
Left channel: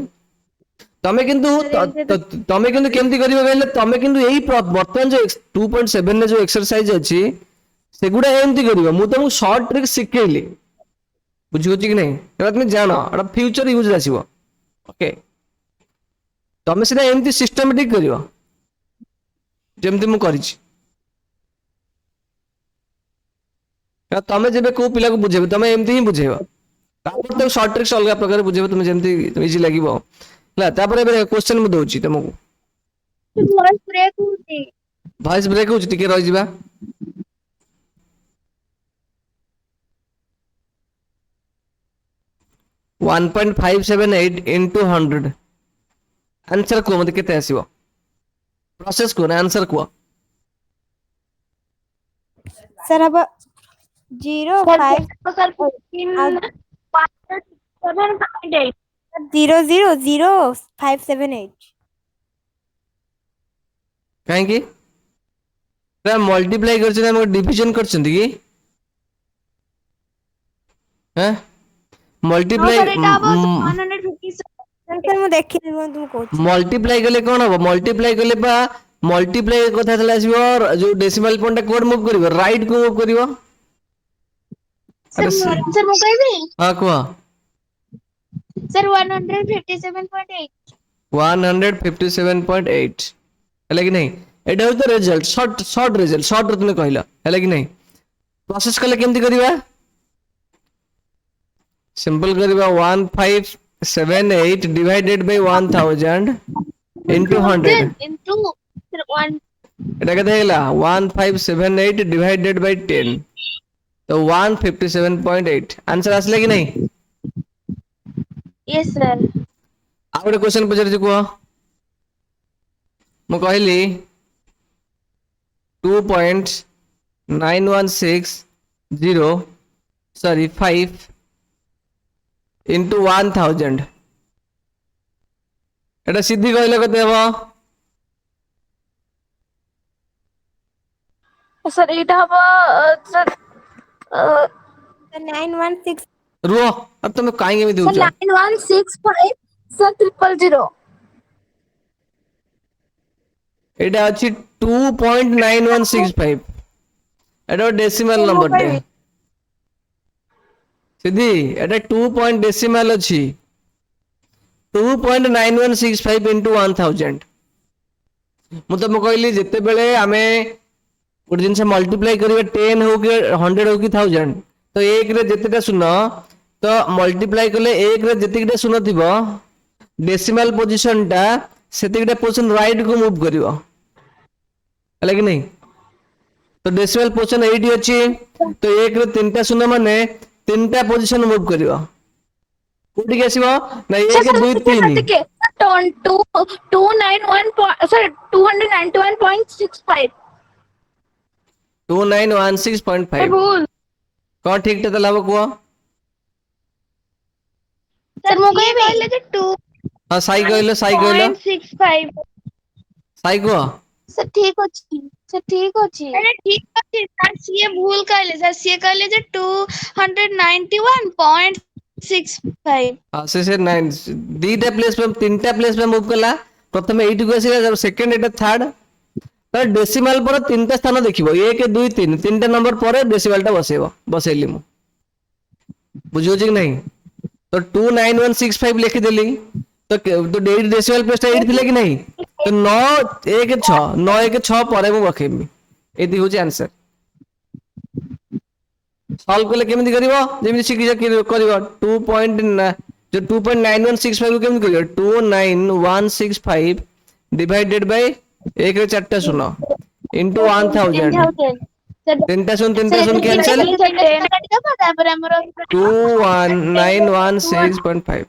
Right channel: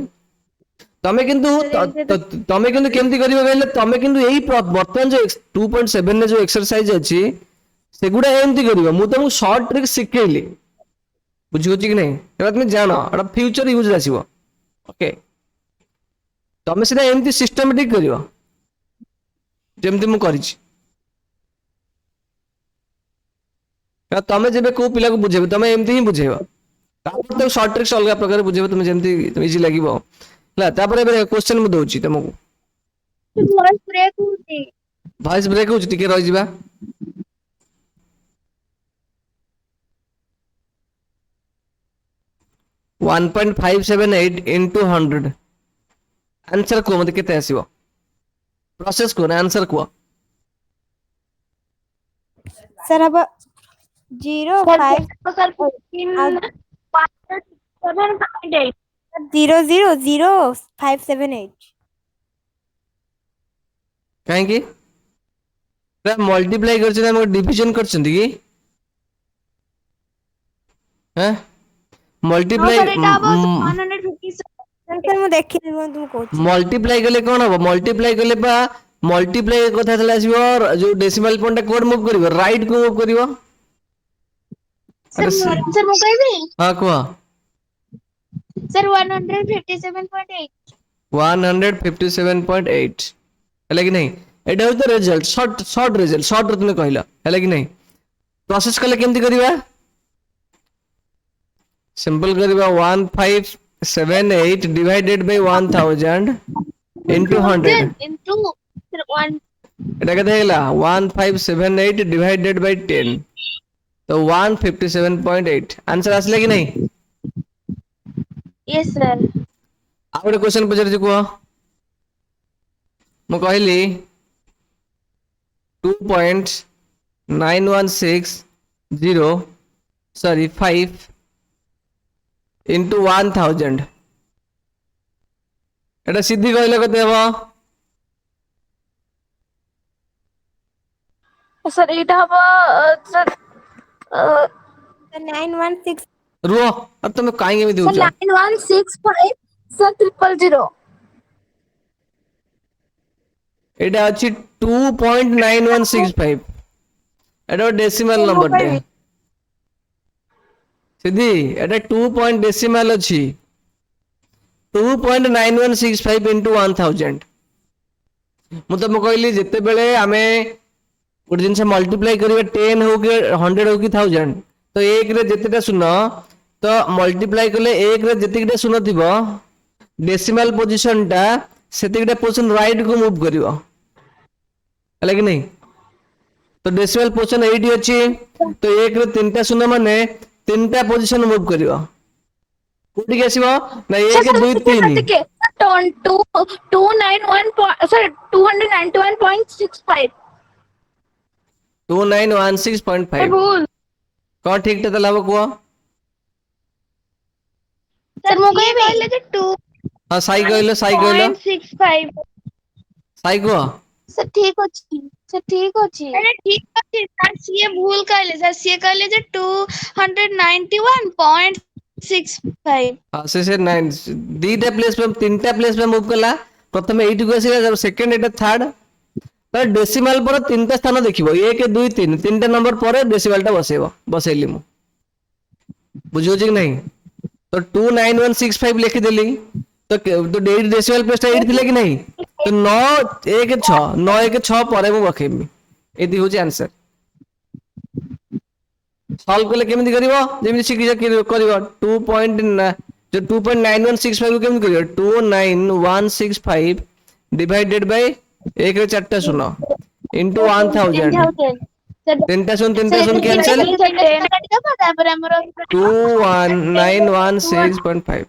तमे किंतु केमती करियो कहले तमे किंतु एही वर्तमान जो 2.7 ने जो एक्सरसाइज अछि सेगुडा एमती करियो मु तुमको शॉर्ट ट्रिक सिखेली बुझियो कि नहीं एटा तुम जानो एटा फ्यूचर यूज आसीबो ओके तमे सिना एमती सिस्टमैटिक करियो जेमती मु करिछि का तमे जेबे को पिला को बुझेबे तमे एमती ही बुझेबो तापर तो शॉर्ट ट्रिक्स अलग प्रकार बुझेबे तुम जेमती इजी लागिबो ला तापर एबे क्वेश्चन मु दोछि तुमको वॉइस ब्रेक होछि टिके रहि जिबा 1.578 into 100 आंसर को मत केते आसीबो प्रोसेस को आंसर को सर अब 0.5 सर 7.8 0.00578 काहे की रा मल्टीप्लाई करछ ना डिवीजन करछंती की हैं मल्टीप्लाई सर एटा अब 150 सर मु देखि तुम कहू मल्टीप्लाई कले कोन हो मल्टीप्लाई कले बा मल्टीप्लाई कथा चला आसीबो जो डेसिमल पॉइंट कोड मूव करिवो राइट को मूव करिवो सर मु कहबी हां को सर 157.8 157.8 है कि नहीं एटा हो तो रिजल्ट शॉर्ट रिजल्ट शॉर्ट तुमने कहला है कि नहीं प्रोसेस कले केमती करिवा simple करिवा 1578 divided by 1000 into 100 into 1 এটা কত হলো 1578 डिवाइडेड बाय 10 तो 157.8 आंसर আসলে কি নাই yes sir ଆଉ ଗୋଟେ क्वेश्चन ପଚାରିଛି କୁହ ମୁଁ କହିଲି 2.9160 sorry 5 into 1000 এটা সিদ্ধি কইলে কত হবে सर एटा हबो सर 916 रुओ अब तुम काहे में सर देउछ 9165 सर 000 এটা আছে 2.9165 এটা ডেসিমাল নাম্বার টা সিদ্ধি এটা 2 পয়েন্ট ডেসিমাল আছে 2.9165 into 1000 मु तुम कहली जिते बेले आमे गोटे जिनस मल्टीप्लाई करिवा 10 हो कि 100 हो कि 1000 तो एक रे जतेटा शून्य तो मल्टीप्लाई कले एक रे जतेटा शून्य थिबो डेसिमल पोजीशन टा सेतेटा पोजीशन राइट को मूव करिवो हला कि नहीं तो डेसिमल पोजीशन 8 अछि तो 1 रे 3टा शून्य माने 3टा पोजीशन मूव करिवो कोठी आसीबो ना 1 2 3 291.65 2916.5 भूल कौन ठीक टे तलाब को सर मु कहले जे हां साई कहलो 2.65 साई को सर ठीक अछि अरे ठीक अछि सर सीए भूल कहले सर सीए कहले जे 291.65 हां से 9 दीटा प्लेस पे तीनटा प्लेस पे मूव कला प्रथम 8 को आसीला जब सेकंड एटा थर्ड तो डेसिमल पर तीनटा स्थान देखिबो 1 2 3 तीनटा नंबर पर डेसिमल टा बसेबो बसेली मु बुझियो कि नहीं तो 29165 लिखि देली तो डेसिमल प्लेस टा 8 थिला कि नहीं तो 9 1 6 पर मु रखेबी एति होची आंसर सॉल्व कले केमिति करिवो जेमि सिखि करिवो 2 पॉइंट जो 2.9165 केमिति करिवो 29165 डिवाइडेड बाय 1 रे 4टा शून्य इनटू 1000 तीनटा शून्य कैंसिल 29165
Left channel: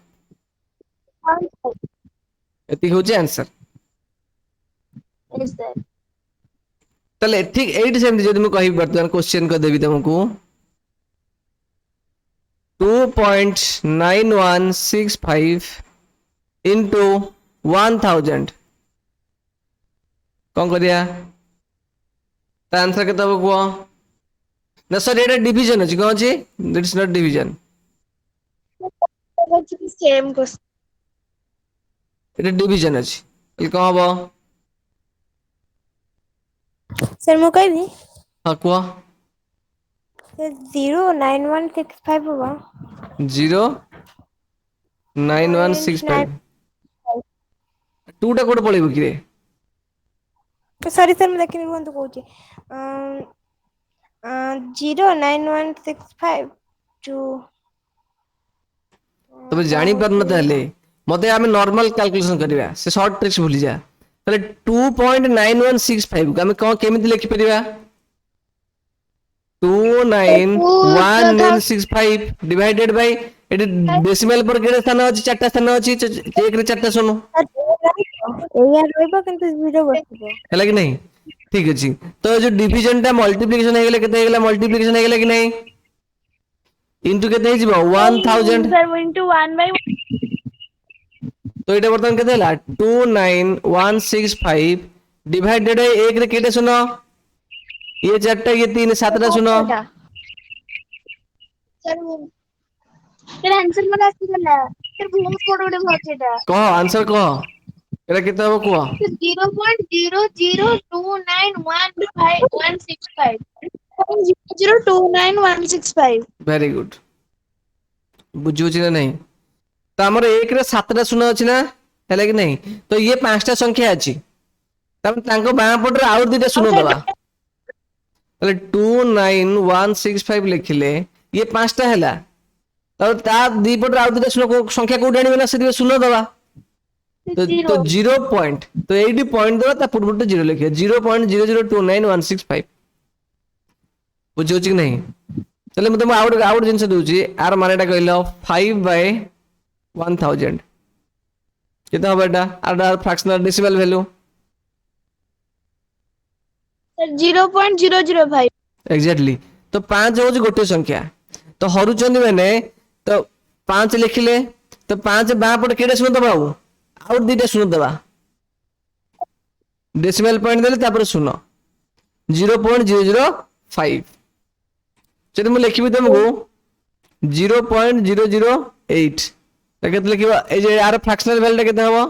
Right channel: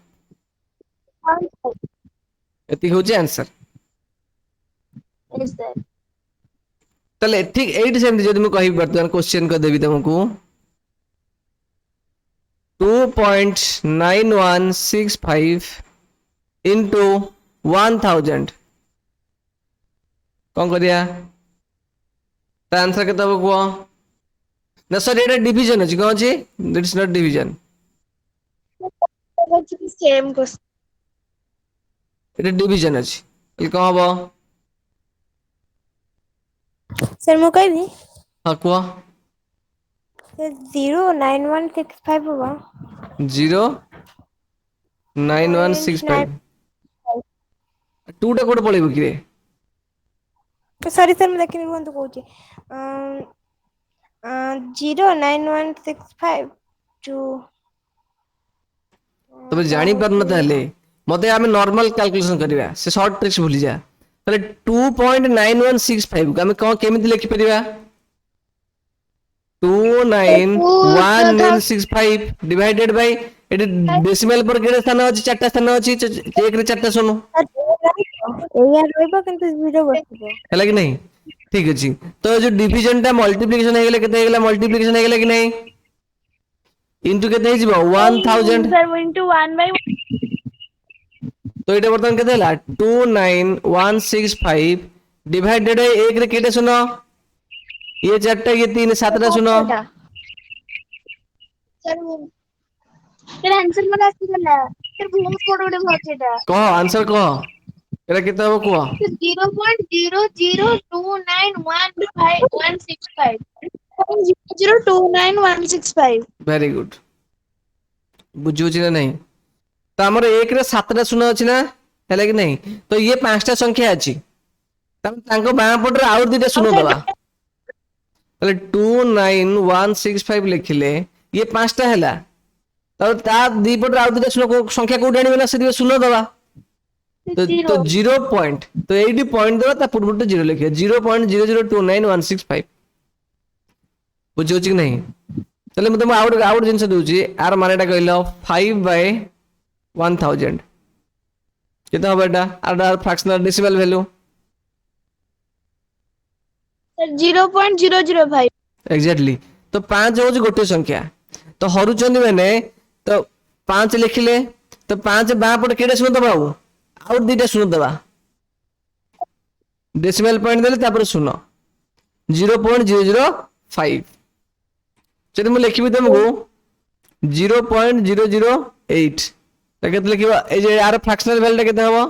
एति होची आंसर तले ठीक 8 सेम जदि मु कहि वर्तमान क्वेश्चन को देबी तुमको 2.9165 into 1000 कौन करिया आंसर के तब को ना सर एटा डिवीजन अछि कौन अछि that is not division same question Etah division अछि ये कौन हबो सर मु कहबी हां को 09165 होगा 09165 टूटा कोड पळेबो कि रे सॉरी सर मैं देखिए तो कहूँ 09165 टू तबे जानी पर न ताले मते आमे नॉर्मल कैलकुलेशन करबा से शॉर्ट ट्रिक्स भूली जा ताले 2.9165 को आमे कोन केमिति लिखि परिबा 29165 डिवाइडेड बाय एटी डेसिमल पर केडे स्थान अछि चारटा स्थान अछि 1 रे 4टा सुनो एया रहबो किंतु 0 बसिबो हैला कि नहीं ठीक अछि तो जो डिवीजन टा मल्टीप्लिकेशन हे गेले केते हे गेला मल्टीप्लिकेशन हे गेला कि नहीं इनटू केते हे जिवो 1000 सर इनटू 1/1 तो एटा बर्तन केते हला 29165 डिवाइडेड 1 रे केते सुनो ये 4टा ये 3 7टा सुनो सर आंसर मला आसीला सर भूल कोड उडे भचेटा कह आंसर कह एटा केते हो कह 0.0029165 0.02965 वेरी गुड बुझु छी ना नहीं तो हमर 1 रे 7टा सुनो अछि ना हैला कि नहीं तो ये 5टा संख्या अछि तब तांको बाया पट रे आउर दिटा सुनो दवा तले 29165 लिखिले ये 5टा हैला और ता दी पट रे आउर दिटा सुनो संख्या कोड आनिबे ना से सुनो दवा तो 0 पॉइंट तो 80 पॉइंट दवा ता पुरबुट 0 लिखे 0.0029165 बुझो छी नहीं चले मैं तुम आउट जिनस दूची आर मानेटा कहलो 5/1000 केता हो बेटा आर fractional decimal value sir 0.005 exactly तो 5 हो गोटे संख्या तो हरुचंदी माने तो 5 लिखिले तो 5 बा पट केडे सुन दबा आउट दीटा सुन दबा डेसिमल पॉइंट देले तापर सुनो 0.005 चलो मैं लिखिबी तुमको 0.008 केते लिखिबा ए जे आर फ्रैक्शनल वैल्यू केते हबो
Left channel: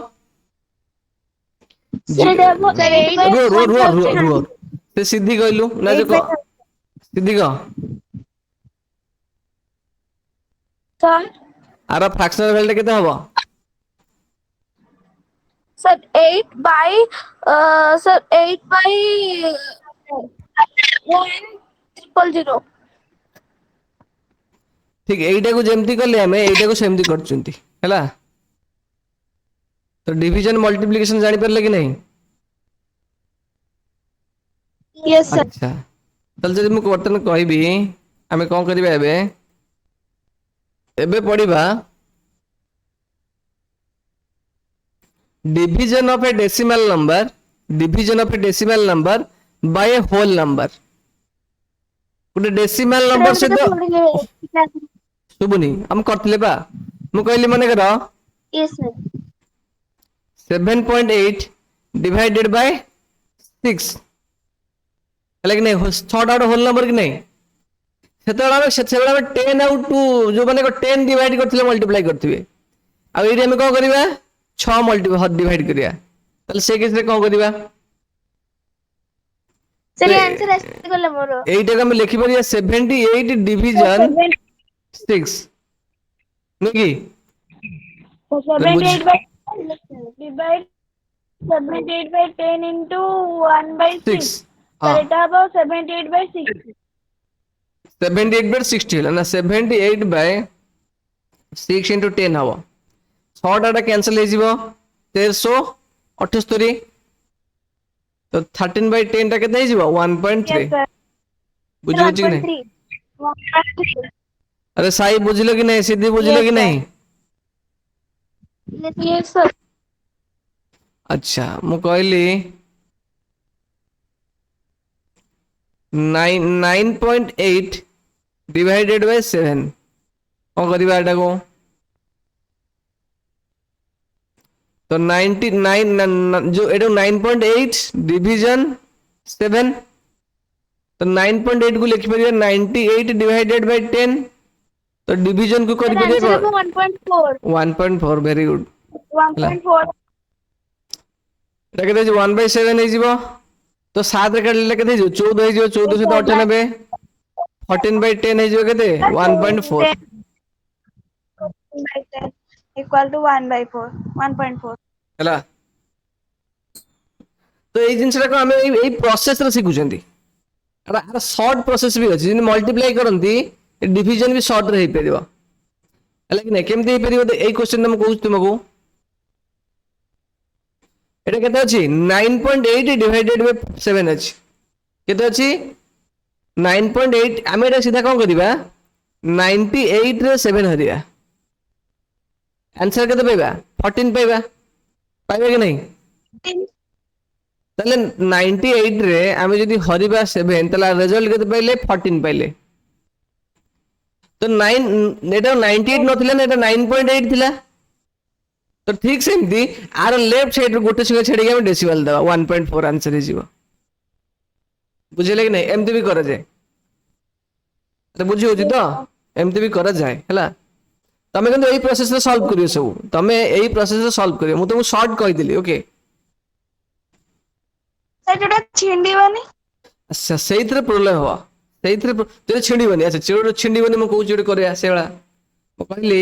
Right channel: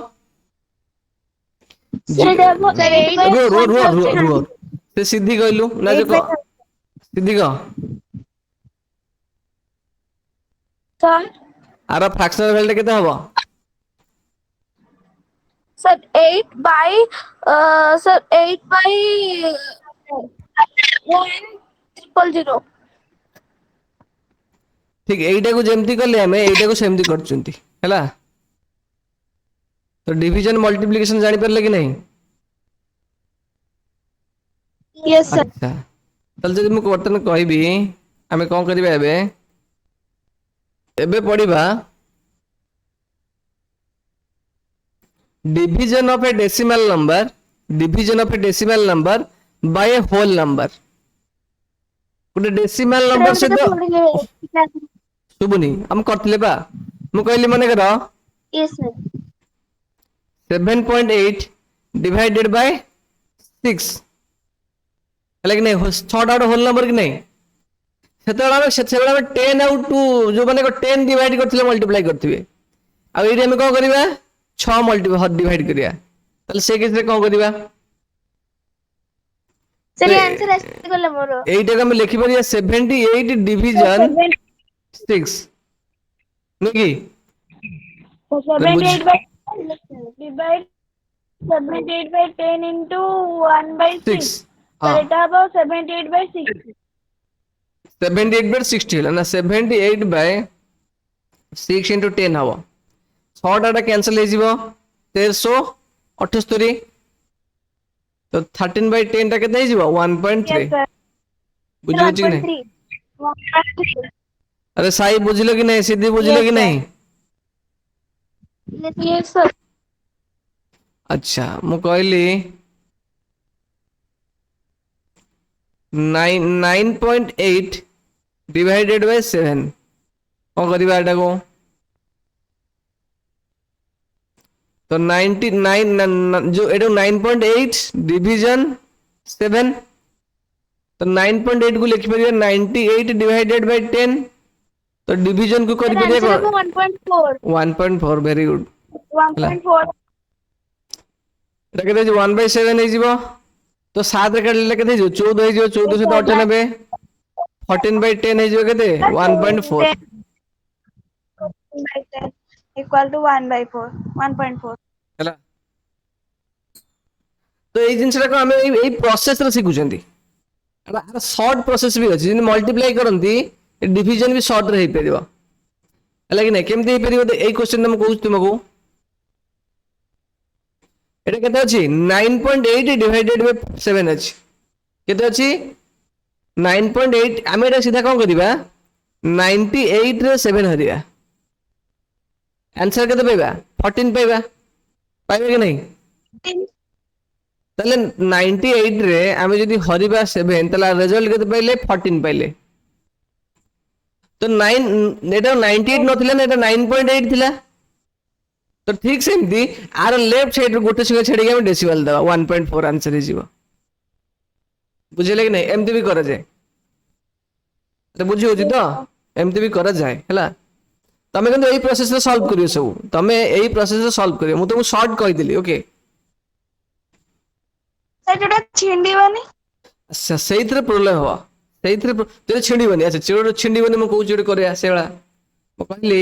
से सीधी कहलु ना जो सीधी कह सर आर फ्रैक्शनल वैल्यू केते हबो सर 8/100 ठीक एइटा को जेमती करले हमें एइटा को सेमती करचुंती हैला तो डिवीजन मल्टीप्लिकेशन जानि परले कि नहीं यस सर अच्छा ତାହେଲେ ଯଦି ମୁଁ ବର୍ତ୍ତମାନ କହିବି ଆମେ କଣ କରିବା ଏବେ ପଢିବା division of a decimal number by a whole number। ଗୋଟେ ଡେସିମାଲ ନମ୍ବର ସହିତ ଶୁଭୁନି ଆମେ କରିଥିଲେ ବା ମୁଁ କହିଲି ମନେକର यस सर 7.8 divided by 6 ହେଲା କି ନାହିଁ 6ଟା ଗୋଟେ ହୋଲ ନମ୍ବର କି ନାହିଁ ସେତେବେଳେ ଆମେ 10 ଆଉ 2 ଯୋଉମାନେ 10 ଡିଭାଇଡ କରିଥିଲେ ମଲ୍ଟିପ୍ଲାଇ କରିଥିବେ ଆଉ ଏଇଠି ଆମେ କଣ କରିବା 6 ଡିଭାଇଡ କରିବା ତାହେଲେ ସେ କେସରେ କଣ କରିବା सर ये आंसर ऐसे गला मोर এইটাকে ଆମେ ଲେଖିପାରିବା 78 ଡିଭିଜନ 6 ନୁହେଁ କି 78 by divide 78 by 10 into 1 by 6 6 তাহলে এটা হবে 78 by 60 78 by 60 ହେଲା ନା 78 by 6 into 10 ହବ 6ଟା କ୍ୟାନ୍ସଲ ହେଇଯିବ 1378 तो 13 by 10 टा केते ହେଇଯିବ 1.3 yes sir बुझिलो कि नहीं 1.3 अरे साई बुझिलो कि नहीं सिद्धि बुझिलो Yes, कि sir. नहीं yes sir अच्छा मु कहली 9.8 डिवाइडेड बाय 7 कौन करिबा एटा को तो 99 जो एटा 9.8 डिवीजन 7 तो 9.8 को लिखि परिया 98 डिवाइडेड बाय 10 तो डिवीजन को करि आंसर परिया है 1.4 1.4 वेरी गुड 1.4 एटा केते 1/7 हे जीवो तो 7 रे काटले केते जीवो 14 हे जीवो 1498 14/10 हे जीवो केते 1.4 by 10 equal to 1/4 1.4 ହେଲା तो एई जिंसरा को हमें एई प्रोसेस रे सिखुचंदी आर शॉर्ट प्रोसेस भी अछि जे मल्टीप्लाई करंती डिवीजन भी शॉर्ट रे हे परिबो हला कि नै केमति हे परिबो एई क्वेश्चन हम कहू तुमको एटा केते अछि 9.8 डिवाइडेड बाय 7 अछि केते अछि 9.8 हम एटा सीधा कोन करिबा 98 रे 7 हरिया आंसर केते पाइबा 14 पाइबा पाइबा कि नहीं ताले 98 रे आमे जदी हरिबा 7 ताला रिजल्ट केते पाइले 14 पाइले तो 9 एटा 98 नथिला ना एटा 9.8 थिला तो ठीक सेमती आर लेफ्ट साइड रो गोटे संख्या छेडी हम डेसिमल दबा 1.4 आंसर हे जीवो बुझिले कि नहीं एमती भी करा जाए तो बुझी होची तो एमती भी करा जाए हला तमे কিন্তু এই प्रोसेस रे सॉल्व करियो सब तमे এই प्रोसेस रे सॉल्व करियो मु तुमको शॉर्ट कहि देली ओके ସେଟା ଛିଣ୍ଡିବନି अच्छा सेइथरे प्रॉब्लम हो सेइथरे तेरे छिंडीबनी अच्छा चिरोड छिंडीबनी मु कहू चिड करे सेला मु कहली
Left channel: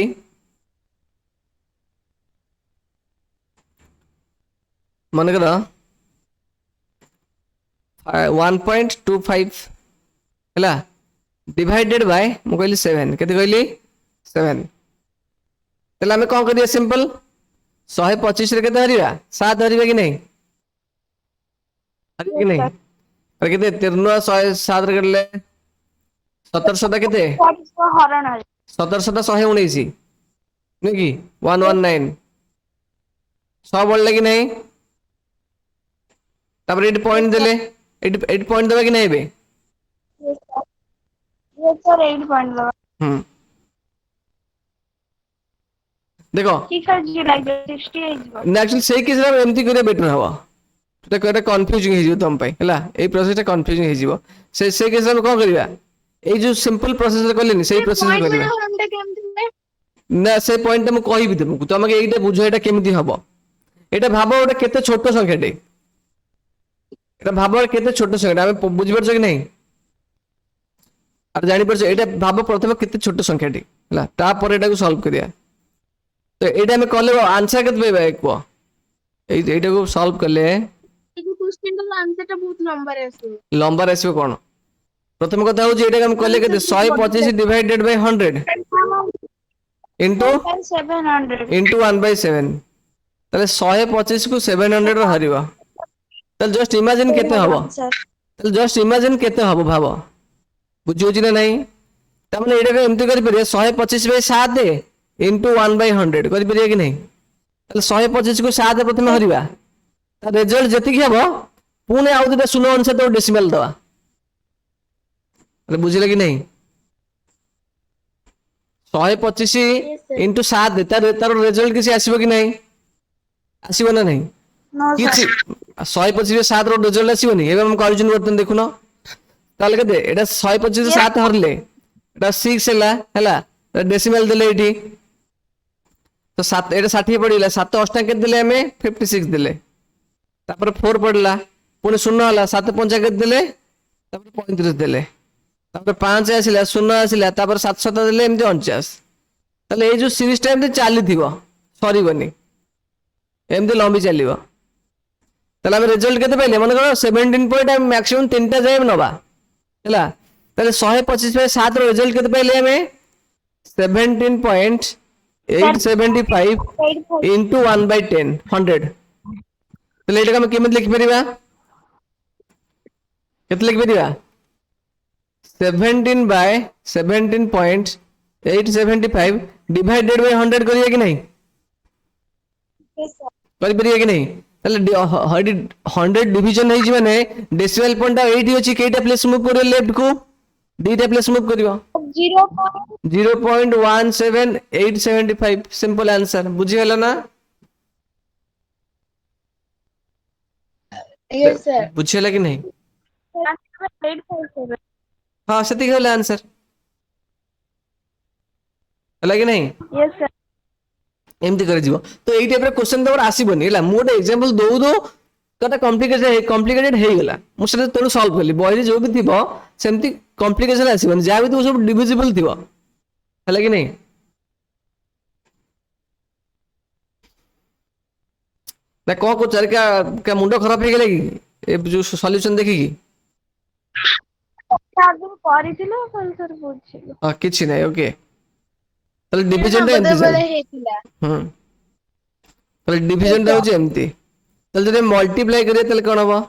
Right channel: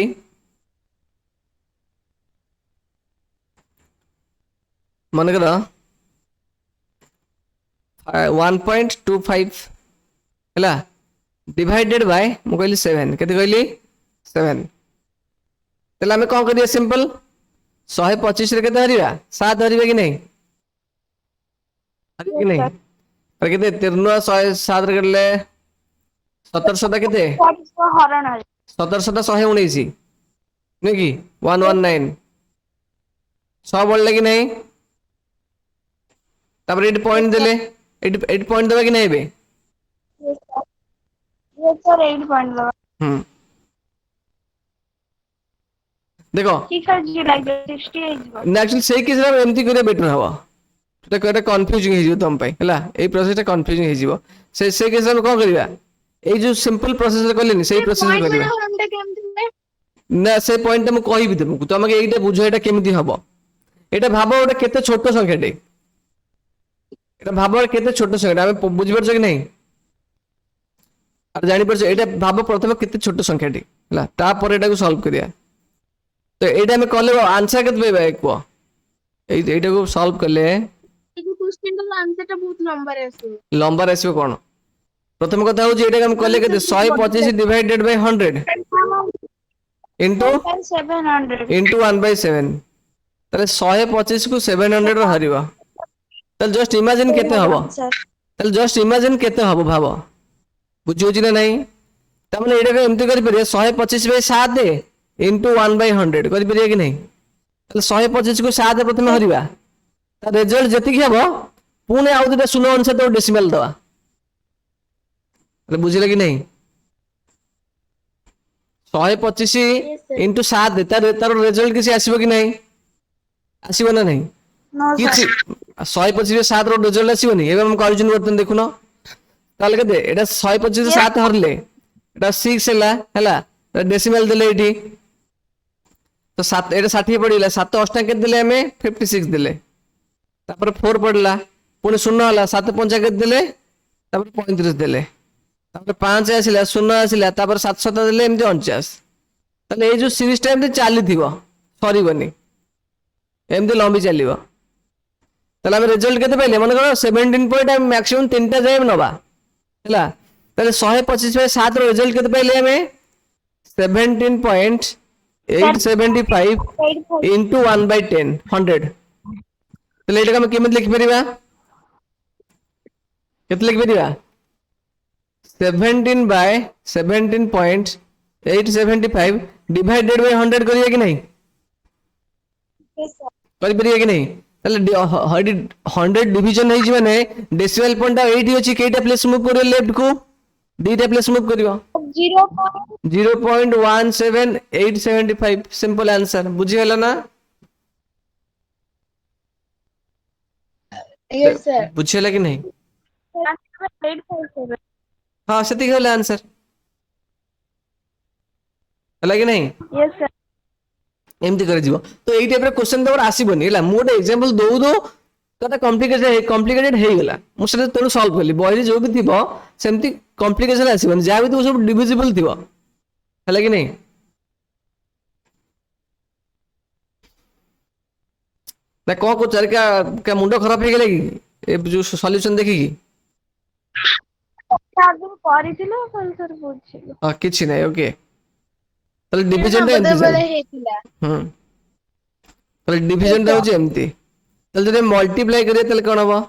मन कर 1.25 हैला डिवाइडेड बाय मु कहली 7 केते कहली 7 तेला हमें कौन करिया सिंपल 125 रे केते हरिबा 7 हरिबा कि नहीं हरिबा कि नहीं अरे केते 13 7 रे करले 1700 केते ହରଣ ହଏ 1700 119 नहीं कि 119 100 बोलले कि नहीं तब 8 पॉइंट देले 8 पॉइंट देबा कि नहीं बे ये सर 8 पॉइंट लगा देखो ठीक है जी लाइक 60 है जी नेचुरल से किस रे एमती करे बेटर हवा तो कोटा कंफ्यूजिंग हे जिवो तुम पई हला ए प्रोसेस टा कंफ्यूजिंग हे जिवो से केस में कोन करिया ए जो सिंपल प्रोसेस रे करलेनी से प्रोसेस रे करिया हमटा केमति ना से पॉइंट मैं कहि भी तुमको तुमके एटा बुझो एटा केमती हबो एटा भाबो एटा केते छोट संख्या टे एटा भाबो केते छोट संख्या हम बुझि परछ कि नहीं आ जानि परछ एटा भाबो प्रथम केते छोट संख्या टे हला ता पर एटा को सॉल्व करिया तो एटा में कले आंसर केते पेबा एको एटा को सॉल्व करले ये क्वेश्चन का आंसर टा बहुत लंबा रहसो कोन प्रथम कथा हो जे एटा हम कले केते 125 डिवाइडेड बाय 100 इनटू 700 इनटू 1/7 ताले 125 को 700 रे हरिबा ताले जस्ट इमेजिन केते हबो सर ताले जस्ट इमेजिन केते हबो भाबो बुझुछि ना नहीं तमने एटा एमती करि परिया 125/7 इनटू 1/100 करि परिया कि नहीं ताले 125 को 7 प्रथम हरिबा ता रिजल्ट जति कि हबो पुणे आउ दुटा शून्य अनुसार तो डेसिमल दवा ताले बुझिले कि नहीं 125 इनटू 7 तार रिजल्ट किसी आसीबो कि नहीं आसीबो ना नहीं नो किछि 125/7 रो रिजल्ट आसीबोनी एबे हम कहउछन बर्तन देखुनो ताले केते एटा 125/7 हरले एटा 6 हैला डेसिमल देले एठी तो 7 एटा 60 पड़िला 7 अष्टा के देले हमें 56 देले तापर 4 पड़ला पुणी 0 होला 7 5 के देले तापर 35 देले तापर 5 आसिला 0 आसिला तापर 7 देले एमती 49 ताले ए जो सीरीज टाइम रे चाली थिबो सरीबनी एमती लंबी चलिबो ताले हम रिजल्ट केते पाइले मन करो 17 पॉइंट हम मैक्सिमम 3टा जाय नबा हैला ताले 125/7 रो रिजल्ट केते पाइले हमें 17.875 into 1/10 100 ताले एटा हम केमत लिख परिबा केते लिख परिबा 17/17.875 डिवाइडेड बाय 100 करिया कि नहीं करि परिया कि नहीं ताले 100 डिवीजन है माने डेसिमल पॉइंट 80 अछि केटा प्लेस मूव करियो लेफ्ट को डीटा प्लेस मूव करियो 0.17875 सिंपल आंसर बुझि गेला ना यस सर बुझिला कि नहीं 857 हां सेति गेला आंसर हला कि नहीं यस सर एमती कर जीवो तो एई टाइप रे क्वेश्चन तोर आसीबनी हैला मोटे एग्जांपल दो कता कॉम्प्लिकेटेड हे गेला मु से तोड़ सॉल्व करली बॉयरी जो भी थिबो सेमती कॉम्प्लिकेशन आसीबनी जा भी तो सब डिविजिबल थिबो हला कि नहीं ना को चर का मुंडो खराब हे गेले कि ए जो सॉल्यूशन देखि कि आगु करिथिलो सर बुझिलो किछि नै ओके ताले डिवीजन रे बदबले हेतिला ताले डिवीजन रे होजे एमती ताले जदि मल्टीप्लाई करिए ताले कोन हबो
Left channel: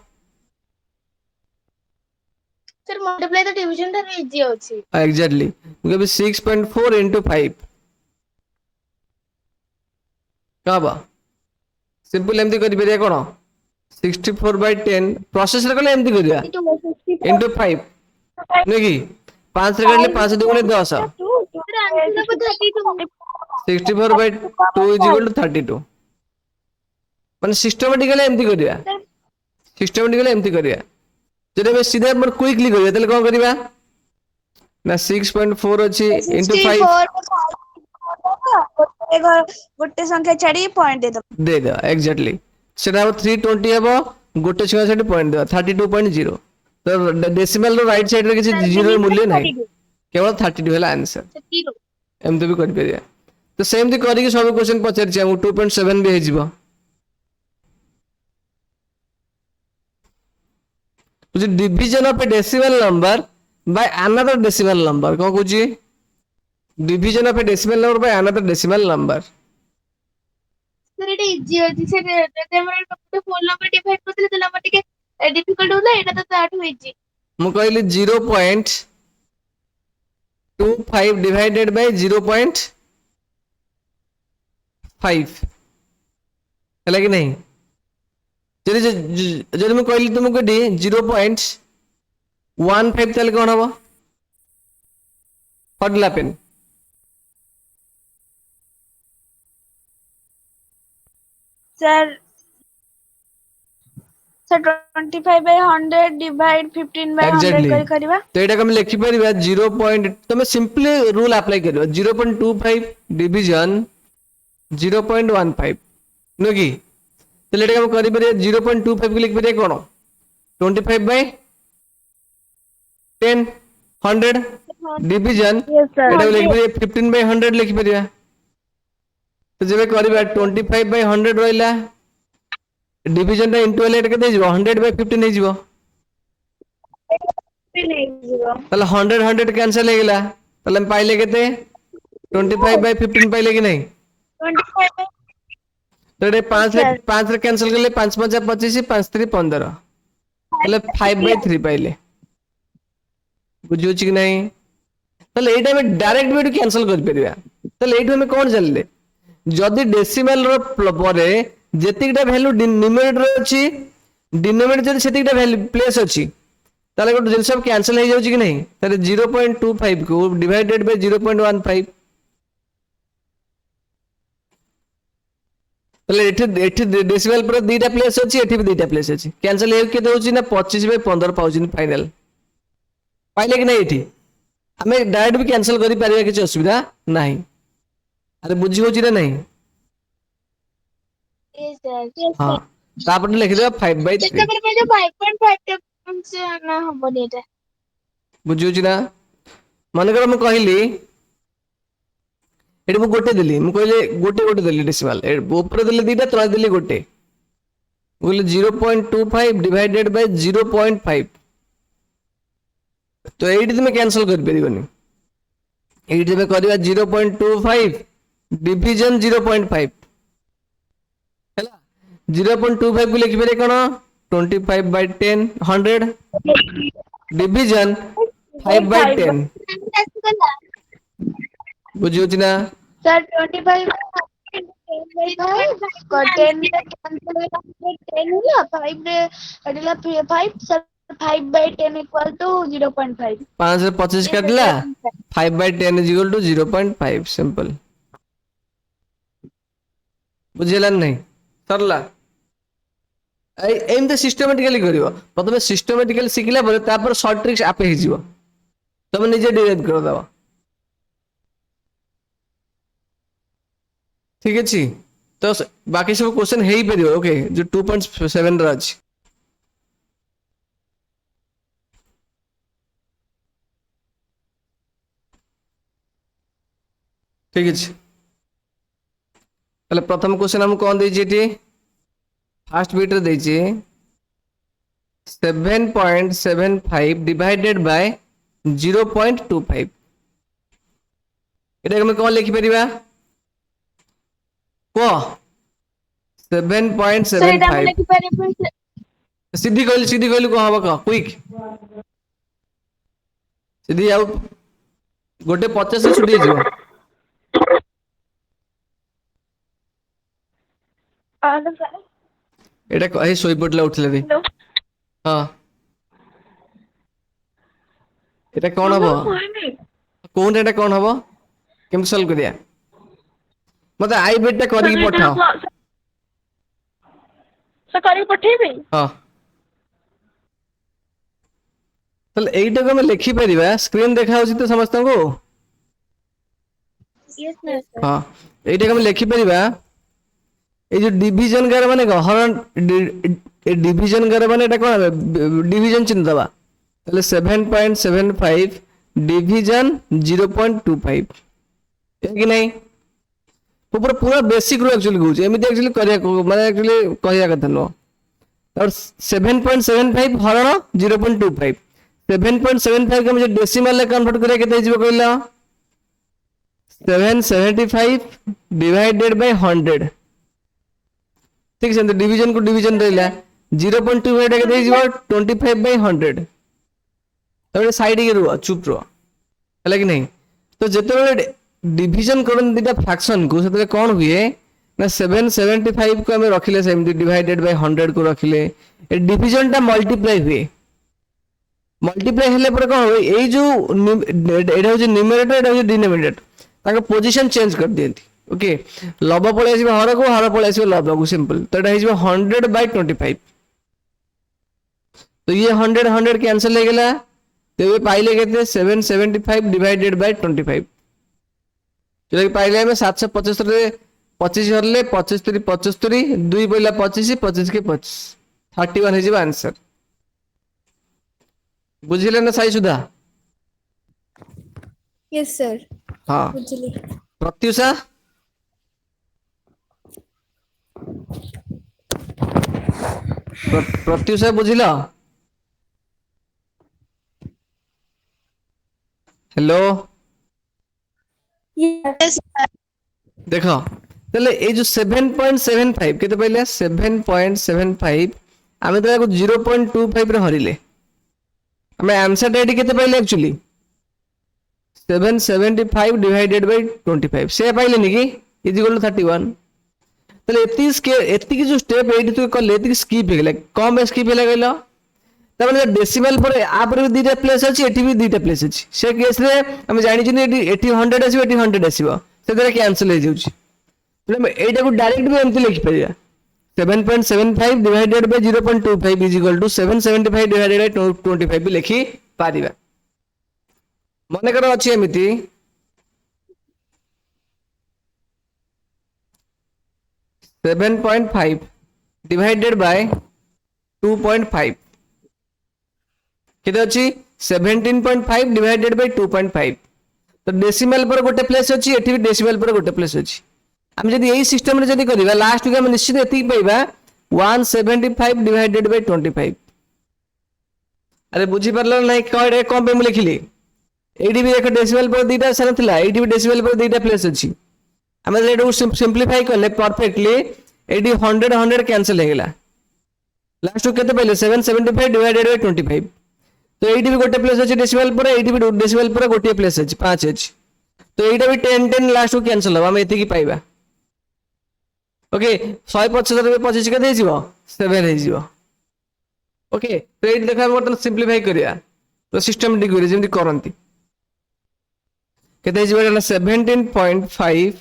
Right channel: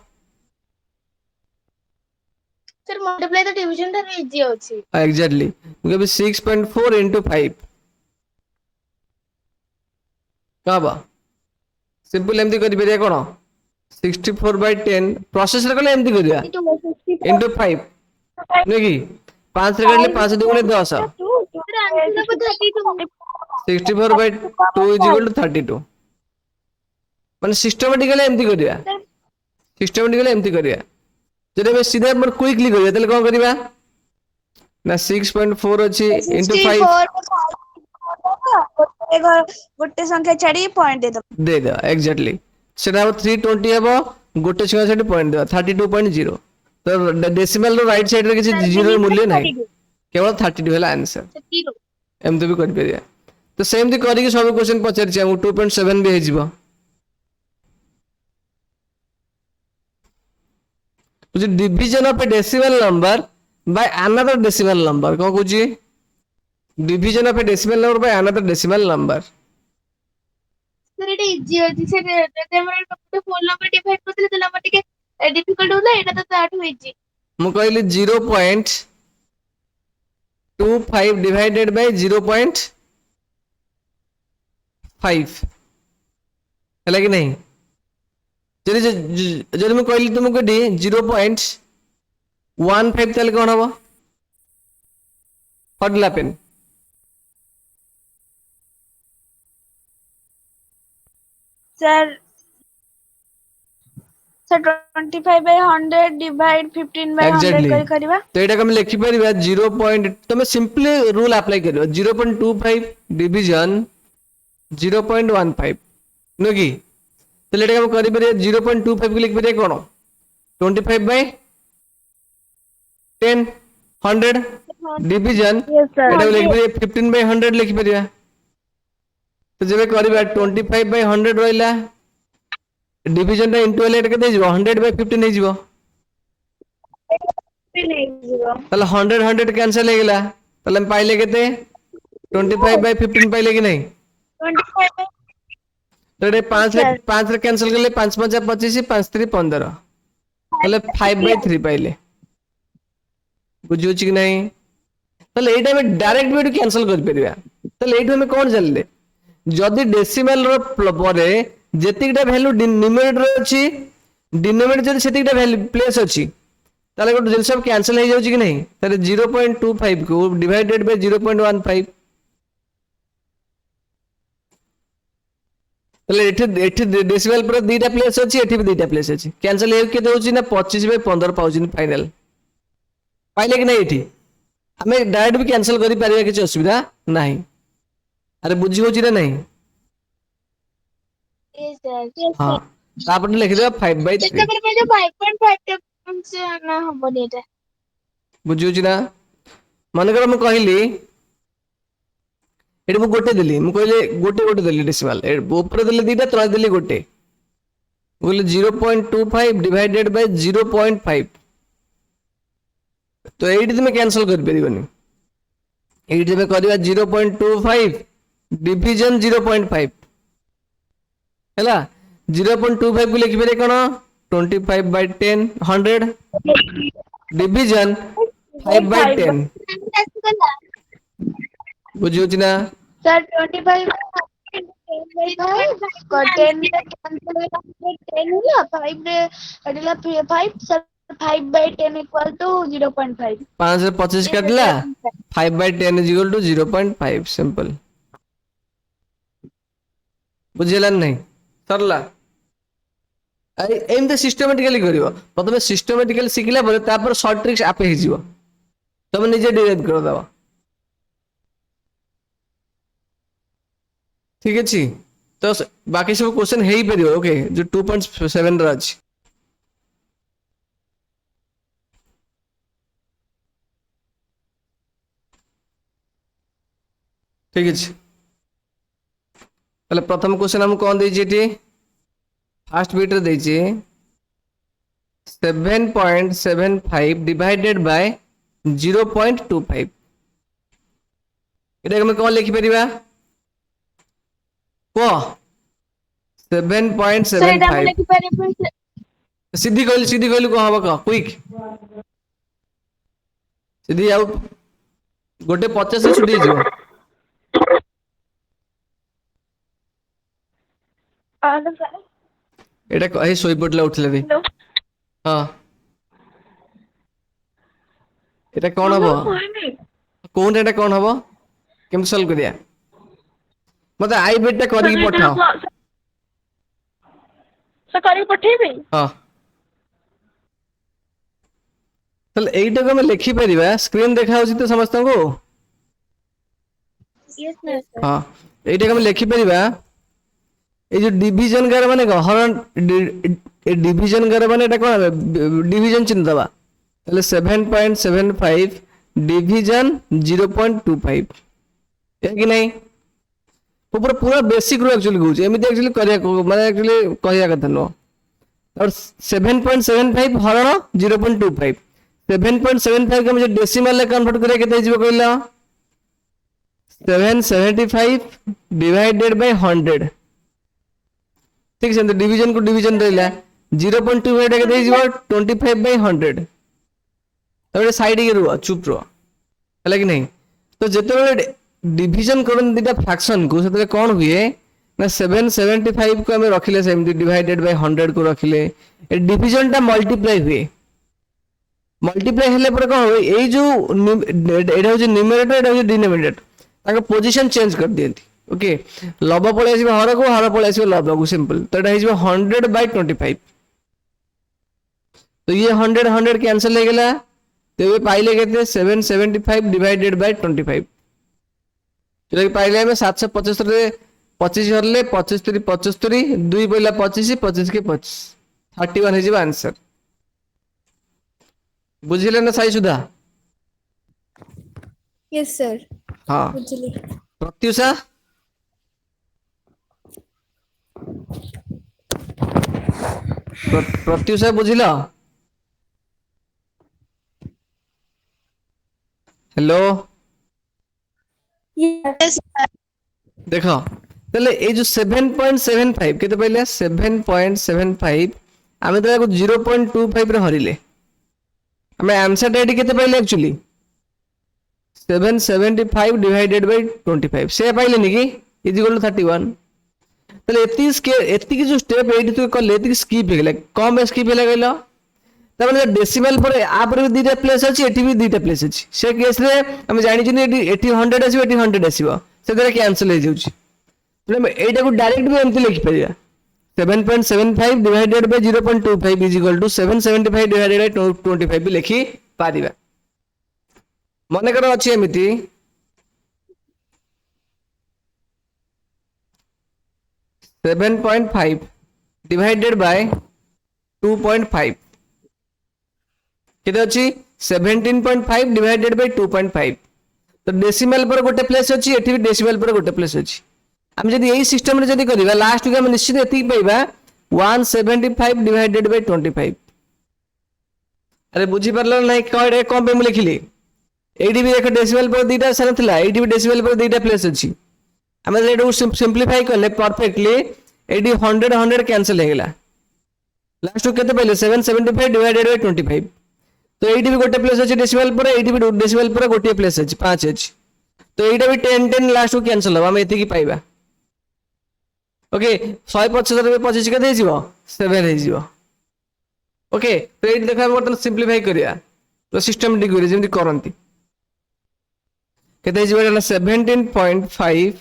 सर मल्टीप्लाई तो डिवीजन रे इजी होछि एग्जैक्टली मुके 6.4 into 5 काबा सिंपल एमती करि परिया कोन 64/10 प्रोसेस रे कोन एमती करिया into 5 नेकी 5 रे करले 5 2 10 64/2 is equal to 32 माने सिस्टमैटिकली एमती करिया सिस्टमैटिकली एमती करिया जदि हम सीधा पर क्विकली करिया तले कोन करिवा ना 6.4 अछि into 5 गोटे संख्या छाडी पॉइंट दे दो एग्जैक्टली सेटा 320 हेबो गोटे संख्या छाडी पॉइंट दो 32.0 तो डेसिमल रो राइट साइड रे किछि जीरो मूल्य नाही केवल 32 हैला आंसर एमती भी कर परिया तो सेम थी करी कि सब क्वेश्चन पचार छी हम 2.7 भी हे जीवो which is division of a decimal number by another decimal number को कुछ division of a decimal number by another decimal number sir Etah easy होछि सर जदि हमर टोटल फोन नंबर डिवाइड करले तला हमर टिके डिफिकल्ट होला एटा तो ताठ होइछि मु कहली 0.25 divided by 0.5 हैला कि नहीं जदि मैं कहली तुमको 0.15 तले कोन हबो पडला पेन सर सर 25/100 डिवाइड 15/100 करी करबा तो एटा हम लिखि परिबा 0. तमे सिंपली रूल अप्लाई करियो 0.25 डिवीजन 0.15 नो की तो एटा हम करि परियो 0.25 को लिखि परियो कोन 25/10 100 डिवीजन एटा लिखि परियो 15/100 लिखि परियो तो जब करबा 25/100 रहिला डिवीजन रे इनटू एटा केते जीवो 100/15 हे जीवो ताले 100 कैंसिल हे गेला ताले हम पाइले केते 25/15 पाइले कि नहीं 25 तो 5 रे कैंसिल करले 5 5 25 5 3 15 তাহলে 5/3 পাইলে বুঝୁଛି କି ନାହିଁ তাহলে এইটা আমি ডাইরেক্ট ବି କ୍ୟାନସଲ କରିପାରିବା ତାହେଲେ এইଠୁ ଆମେ କଣ ଜାଣିଲେ ଯଦି ଡେସିମାଲ ର ପରେ ଯେତିକିଟା ଭ୍ୟାଲୁ ନ୍ୟୁମେରେଟର ଅଛି ଡିନୋମିନେଟର ଯଦି ସେତିକିଟା ଭ୍ୟାଲୁ ପ୍ଲେସ୍ ଅଛି ତାହେଲେ ଗୋଟେ ଜିନିଷ କ୍ୟାନସଲ ହେଇଯାଉଛି କି ନାହିଁ ତାହେଲେ 0.25 କୁ ଡିଭାଇଡେଡ୍ ବାଇ 0.15 তাহলে এটি এটি ডেসিমাল পরে দুইটা প্লেস আছে এটি বি দুইটা প্লেস আছে ক্যান্সেল হয়ে কেতে হচ্ছে না 25/15 পাউছেন ফাইনাল পাইলে কি না এটি আমি ডাইরেক্ট भी कैंसिल करि परिया किछ असुविधा नाही अरे बुझी होची ना नहीं Yes, sir. हां तापर लिख दे 5/3 ତାପରେ ମୁଁ ଯୋଉ 5.5 ଟା ସେ ନା ହବନି ଏଟା बुझी होची ना मन कर मैं कहली एटी मु गोटे देली मु कहले गोटे गोटे देली डेसिमल ऊपर देली दीटा तळे देली गोटे बोले 0.25 डिवाइडेड बाय 0.5 तो एटी तुम कैंसिल कर परिबनी एटी में करबा 0.25 डिवीजन 0.5 हैला 0.25 को लिखि पारे कोन 25/10 100 डिवीजन 5/10 बुझियो छी ना सर 25 10 होला 5 रे अडला 5 सर 5/10 equal to 0.5 5 से 25 काटला 5/10 is equal to 0.5 सिंपल बुझिला नहीं सरला आई एम द सिस्टमैटिकली करियो प्रथमे सिस्टमैटिकली सिखला पर तापर शॉर्ट ट्रिक्स आपे ही जीवो तब निजे डिराइव कर दवा ठीक अछि तो बाकी सब क्वेश्चन हेई परियो ओके जो 2.7 रा अछि ठीक है पहले प्रथम क्वेश्चन हम कौन दे फर्स्ट बीट रे देछि 7.75 डिवाइडेड बाय 0.25 एटा हम कौन लिखि परिबा को 7.75 सीधी कहली को हबो को क्विक सीधी आउ गोटे 50 से छुटी जीव এটা এই সই পড়লা উঠলে রে হ্যাঁ এটা কোন হবো কোন এটা কোন হবো কেমন সলভ করিয়া মতে আই বিটটা করি পঠাও সর করি পঠাইবে হ্যাঁ তাহলে এইটাকে আমি লিখি পারিবা স্ক্রিন দেখা হচ্ছে তো সমস্তଙ୍କୁ यस सर হ্যাঁ এইটাকে আমি লিখি পারিবা এই যে ডিভিজন করে মানে হরণ ডিভিজন করে মানে এটা কোন ডিভিজন চিহ্ন দেবা তাহলে 7.75 डिवीजन 0.25 है कि नहीं ऊपर पूरा बेसिक रो एक्चुअली कहू एमती एक्चुअली करिया माने एक्चुअली कहिया कथा नो और 7.75 हरण 0.25 7.75 के मुझे डेसिमल में कन्वर्ट करिया केते हिजबो कहला 775 डिवाइडेड बाय 100 ठीक है डिवीजन को डिवीजन देला 0.25 के हिजबो 25/100 तबे साइड के रुआ चुप रुआ है कि नहीं तो जेते डिवीजन करन दिटा फ्रैक्शन को सेते कोन हुए ना 775 को हमें रखिले सेमती डिवाइडेड बाय 100 को रखिले ए डिवीजन टा मल्टीप्लाई हुए मल्टीप्लाई हेले पर कोन होय ए जो एटा हो जे न्यूमरेटर एटा हो जे डिनोमिनेटर ताको पोजीशन चेंज कर देंती ओके लब पळे आसीबो हर को हर पळे आसीबो लब को सिंपल तो एटा हिजबो 100/25 तो ये 100 कैंसिल हो गेला तो ये पाइले केते 775 डिवाइडेड बाय 25 चलो पाइले में 775 रे 25 हरले 25 3 75 2 पइला 25 25 के 25 31 हे जिबा आंसर बुझिले ना सही सुधा यस सर हां बुझली प्रत्युषा प्रत्युषा बुझिलो हेलो यस देखो पहले ये जो 7.75 केते पहले 7.75 आमे तो 0.25 रे हरिले आमे आंसर टा एटी केते पाइले एक्चुअली 775 डिवाइडेड बाय 25 से पाइले नि कि इज इक्वल टू 31 तले एती जो स्टेप एटी तो कले एती स्किप हेला कम स्किप हेला गलो तबले डेसिमल पर आ पर भी दीटा प्लेस अछि एटी भी दीटा प्लेस अछि से केस रे हम जानि छि एटी 100 आसीबो एटी 100 आसीबो से तरे कैंसिल हो जाउछि तले एटा को डायरेक्ट भी एमती लिखि परिया 7.75 divided by 0.25 is equal to 775 divided by 25 भी लिखि पारिबा मने करो अछि एमिति सेवन 7.5 divided by 2.5 केते अछि 17.5 divided by 2.5 तो डेसिमल पर गोटे प्लेस अछि एठी भी डेसिमल पर गोटे प्लेस अछि हम जदि यही सिस्टम रे जदि करिबा लास्ट के हम निश्चित एति पाइबा 175 डिवाइडेड बाय 25 अरे बुझी परले नै कहे कोन पे हम लिखिली एडी भी देखो डेसिमल पर दीटा से नथिला एडी भी डेसिमल पर दीटा प्लेस अछि हम एडो सिंपलीफाई करले परफेक्टली एडी 100 100 कैंसिल हेगला लास्ट को केते पहिले 775 डिवाइडेड बाय 25 तो एडी भी गोटे प्लेस अछि डेसिमल पर एडी भी डेसिमल पर गोटे प्लेस अछि 5 अछि तो एटा भी 10 10 लास्ट को कैंसिल हो हम एति की पाइबा ओके 175 रे 25 के देजिवो 7 हे जिवो ओके तो एटी देखा बर्तन सिंपलीफाई करिया तो सिस्टमैटिक करिया जेमति करंती केते जिवो 17.5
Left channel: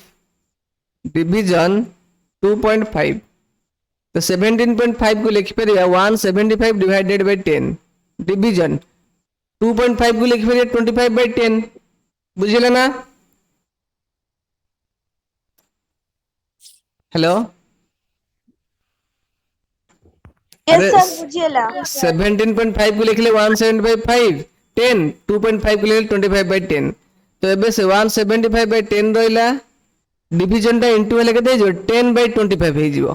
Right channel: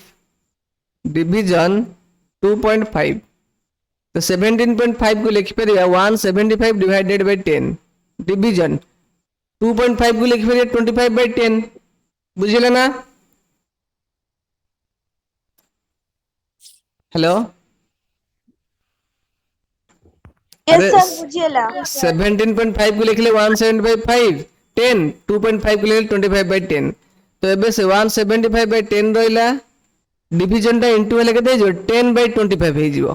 डिवीजन 2.5 तो 17.5 को लिखि परिया 175 डिवाइडेड बाय 10 डिवीजन 2.5 को लिखि परिया 25 बाय 10 बुझिले ना हेलो यस सर बुझिएला 17.5 को लिखले 175 10 2.5 को लिखले 25 बाय 10 तो एबे से 175 बाय 10 रहिला डिवीजन टा इनटू हेले केते जो 10 बाय 25 हे जिवो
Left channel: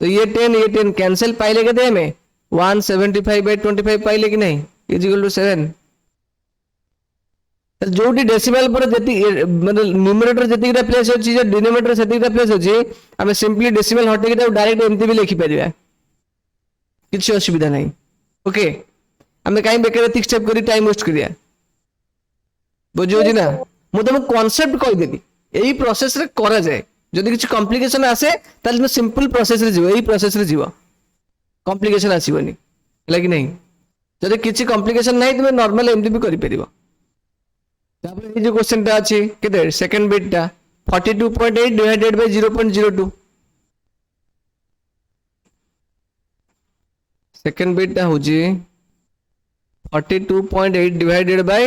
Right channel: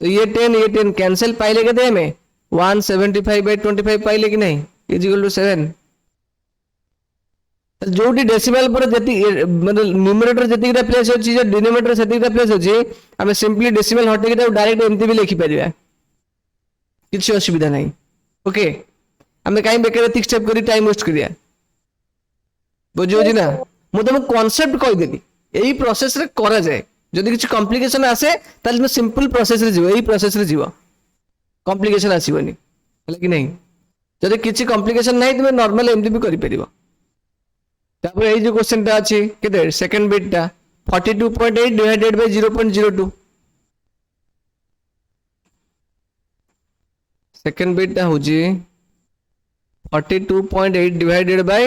तो ये 10 कैंसिल पाइले केते में 175 बाय 25 पाइले कि नहीं इज इक्वल टू 7 जोटी डेसिमल पर जति मतलब न्यूमरेटर जति रे प्लेस अछि जे डिनोमिनेटर जति रे प्लेस अछि हम सिंपली डेसिमल हटे के डायरेक्ट एमती भी लिखि परिया किछि असुविधा नहीं ओके हमें काई बेकर थिक स्टेप करी टाइम वेस्ट करिया बुझो जी ना मु तुम कांसेप्ट कहि देली एही प्रोसेस रे करा जाय जदि किछि कॉम्प्लिकेशन आसे ताले तुम सिंपल प्रोसेस रे जीवो एही प्रोसेस रे जीवो कॉम्प्लिकेशन आसीबनी हैला कि नहीं जदि किछि कॉम्प्लिकेशन नहीं तुम नॉर्मल एमती भी करि परिबो तापर एही जो क्वेश्चन ता अछि केते सेकंड बिट ता 42.8 डिवाइडेड बाय 0.02 सेकंड बिट ता होजी 42.8 डिवाइडेड बाय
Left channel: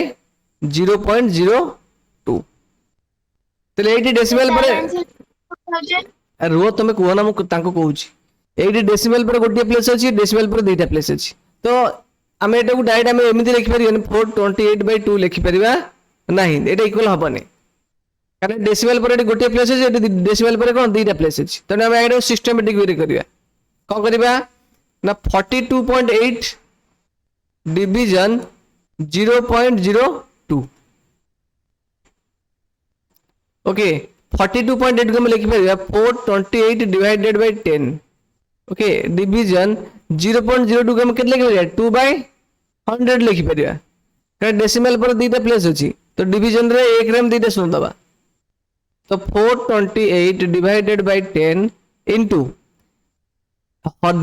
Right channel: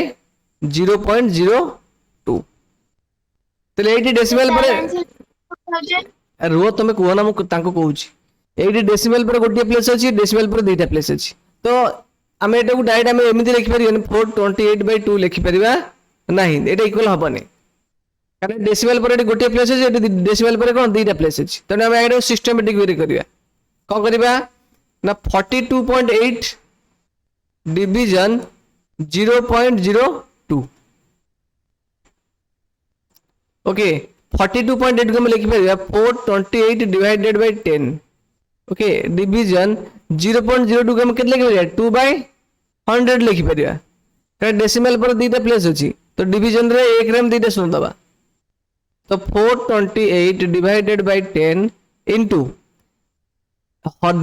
0.02 तले 80 डेसिमल पर रो तमे को ना मु तांको कहूची 80 डेसिमल पर गोटे प्लेस अछि डेसिमल पर दुईटा प्लेस अछि तो हम एटा को डायरेक्ट हम एमिति लिखि परियो 428/2 लिखि परिबा नहीं एटा इक्वल हबने कारण डेसिमल पर एटी गोटे प्लेस अछि डेसिमल पर कोन दुईटा प्लेस अछि तने हम एटा सिस्टमैटिक वे करिया कोन करिबा ना 42.8 डिवीजन 0.02 ओके 42.8 को हम लिखि परिया 428 डिवाइडेड बाय 10 ओके डिवीजन 0.02 को हम केते लिखि परिया 2/100 लिखि परिया कारण डेसिमल पर दुईटा प्लेस अछि तो डिवीजन रे एक रेम दुईटा सुन दबा तो 428 डिवाइडेड बाय 10 इनटू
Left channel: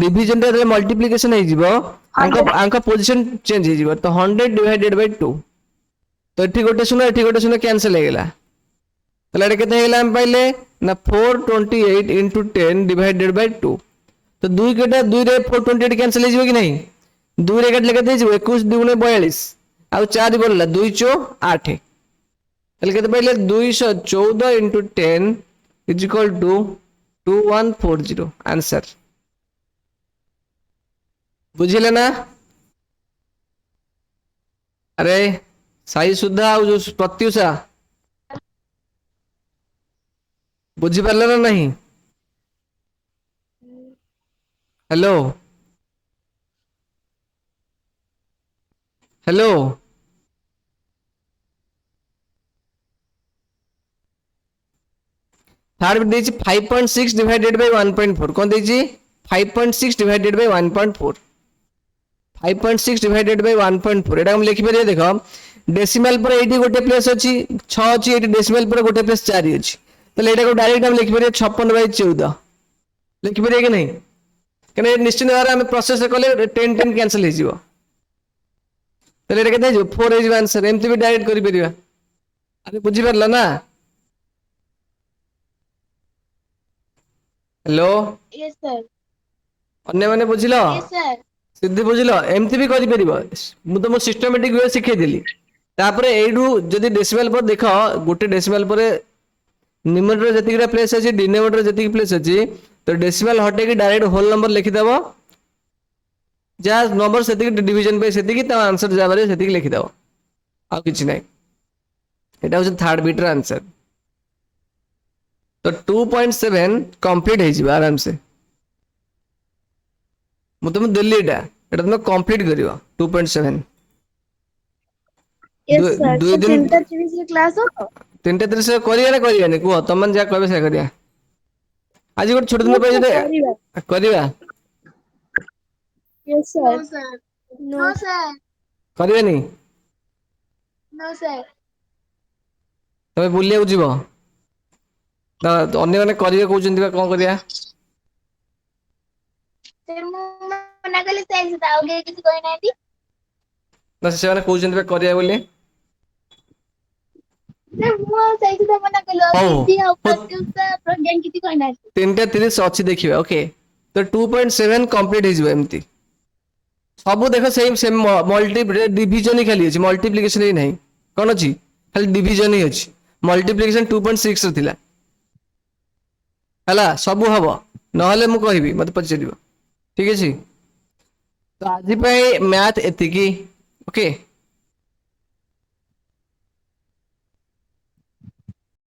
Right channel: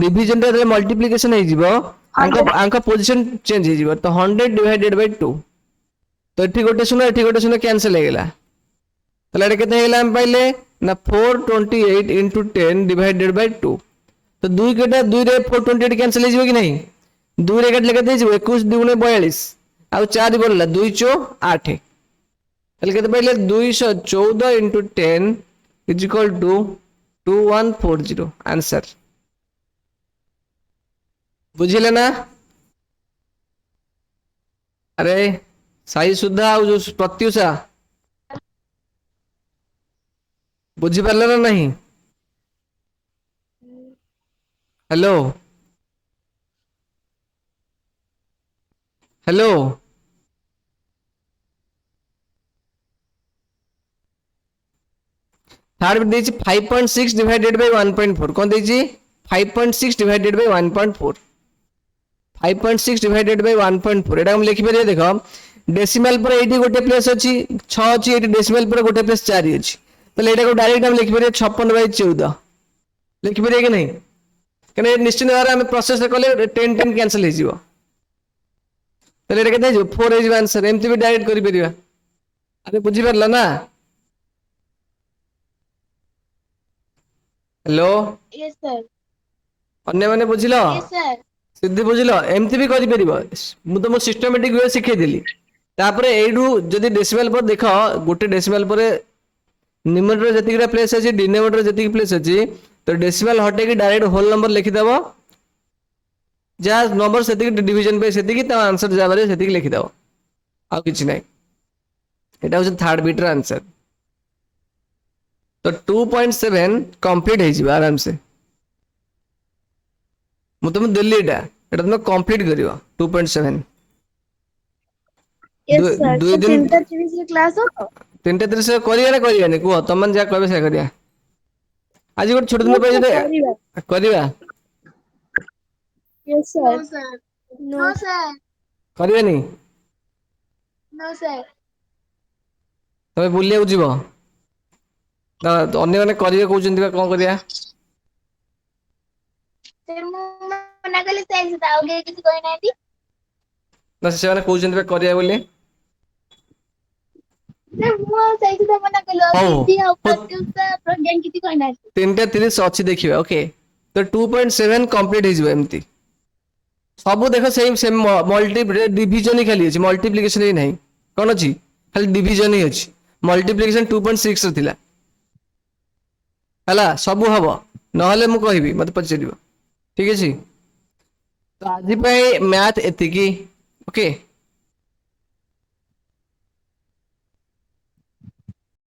डिवीजन रे मल्टीप्लिकेशन हे जिवो आंका पोजीशन चेंज हे जिवो तो 100 डिवाइडेड बाय 2 तो एठी गोटे सुनो कैंसिल हे गेला तले एटा केते हेला हम पाइले ना 428 इनटू 10 डिवाइडेड बाय 2 तो 2 केटा 2 रे 428 कैंसिल हे जिवो कि नहीं 2 रे केट लेके जिवो 21 2 42 आ 4 बोलला 2 चो 8 तले केते पाइले 214 into 10 is equal to 2140 answer बुझिले ना अरे साई सुधा जो प्रत्युषा बुझी पारले ना नहीं हेलो हेलो थर्ड देछि 5.6 डिवाइडेड बाय 1.4 कोन देछि 5.6 डिवाइडेड बाय 1.4 5.6 डिवाइडेड बाय 1.4 एटा हम लिखि परिया देखो डेसिमल पर एटी गोटे प्लेस अछि 6 अछि एटी डेसिमल पर गोटे प्लेस 4 अछि तले एटा को डायरेक्ट हम लिखि परिया 56/14 लिखि परिया कि नहीं कने निश्चित भाବରେ हम प्रोसेस कले 10 कैंसिल हो जिवो तले एटा केते 4 इज आंसर एमती भी डायरेक्ट करि परिया अरे बुझी परला ना हेलो yes sir अन्य माने बुझिलो yes sir सिद्धि बुझिलो एमती भी करि परिबो मु तो मो सिस्टमैटिक वे सिखै देली तापरे एडू जदी डेसिमल पर देखो गोटे डेसिमल पर न्यूमरेटर जतिकरा प्लेस अछि डिनोमिनेटर जतिक प्लेस अछि तो डेसिमल हटे कि डायरेक्ट होल नंबर लिखि दबो जा नंबर सेतिक डिवीजन पे सेतिक त आंसर जाबारे सेतिक लिखि दबो आ किछ नै एटा हो थर्ड बीट रा आंसर तो 2.7 कंप्लीट हे जिबा आराम से मु तुम दिल्ली एटा तुम कंप्लीट करियो 2.7 yes sir दुई तो दिन 3:30 रे क्लास हो 3:30 करिया ना करिया नै कुह तुम जा कहबे से करिया आज गोटे छोट दिन yes पे sir जे करिवा करिया yes sir No. करिया नहीं no sir तमे बुलिया जीवो तो अन्य माने करिया कहउचंती बा कोन करिया sir मु मना कले साइंस दाओ के किसी कोइ नांती ना से माने कहउचंती बा करिया बोली sir मु साइंस दा मना कलो हौ सिद्धि और प्रत्युषा प्रज्ञान किसी कोइ नांती 3:30 अच्छी देखिए ओके तो 2.7 कंप्लीट हो जिवो एमती सब देखो सेम सेम मल्टी डिवीजन ही खाली अछि मल्टीप्लिकेशन ही नहीं कोन अछि खाली डिवीजन ही अछि मल्टीप्लिकेशन 2.6 र थिला हला सब हबो नहले मु कहबी मते पछिदिबो ठीक अछि तो आज पे मैथ एतिकी ओके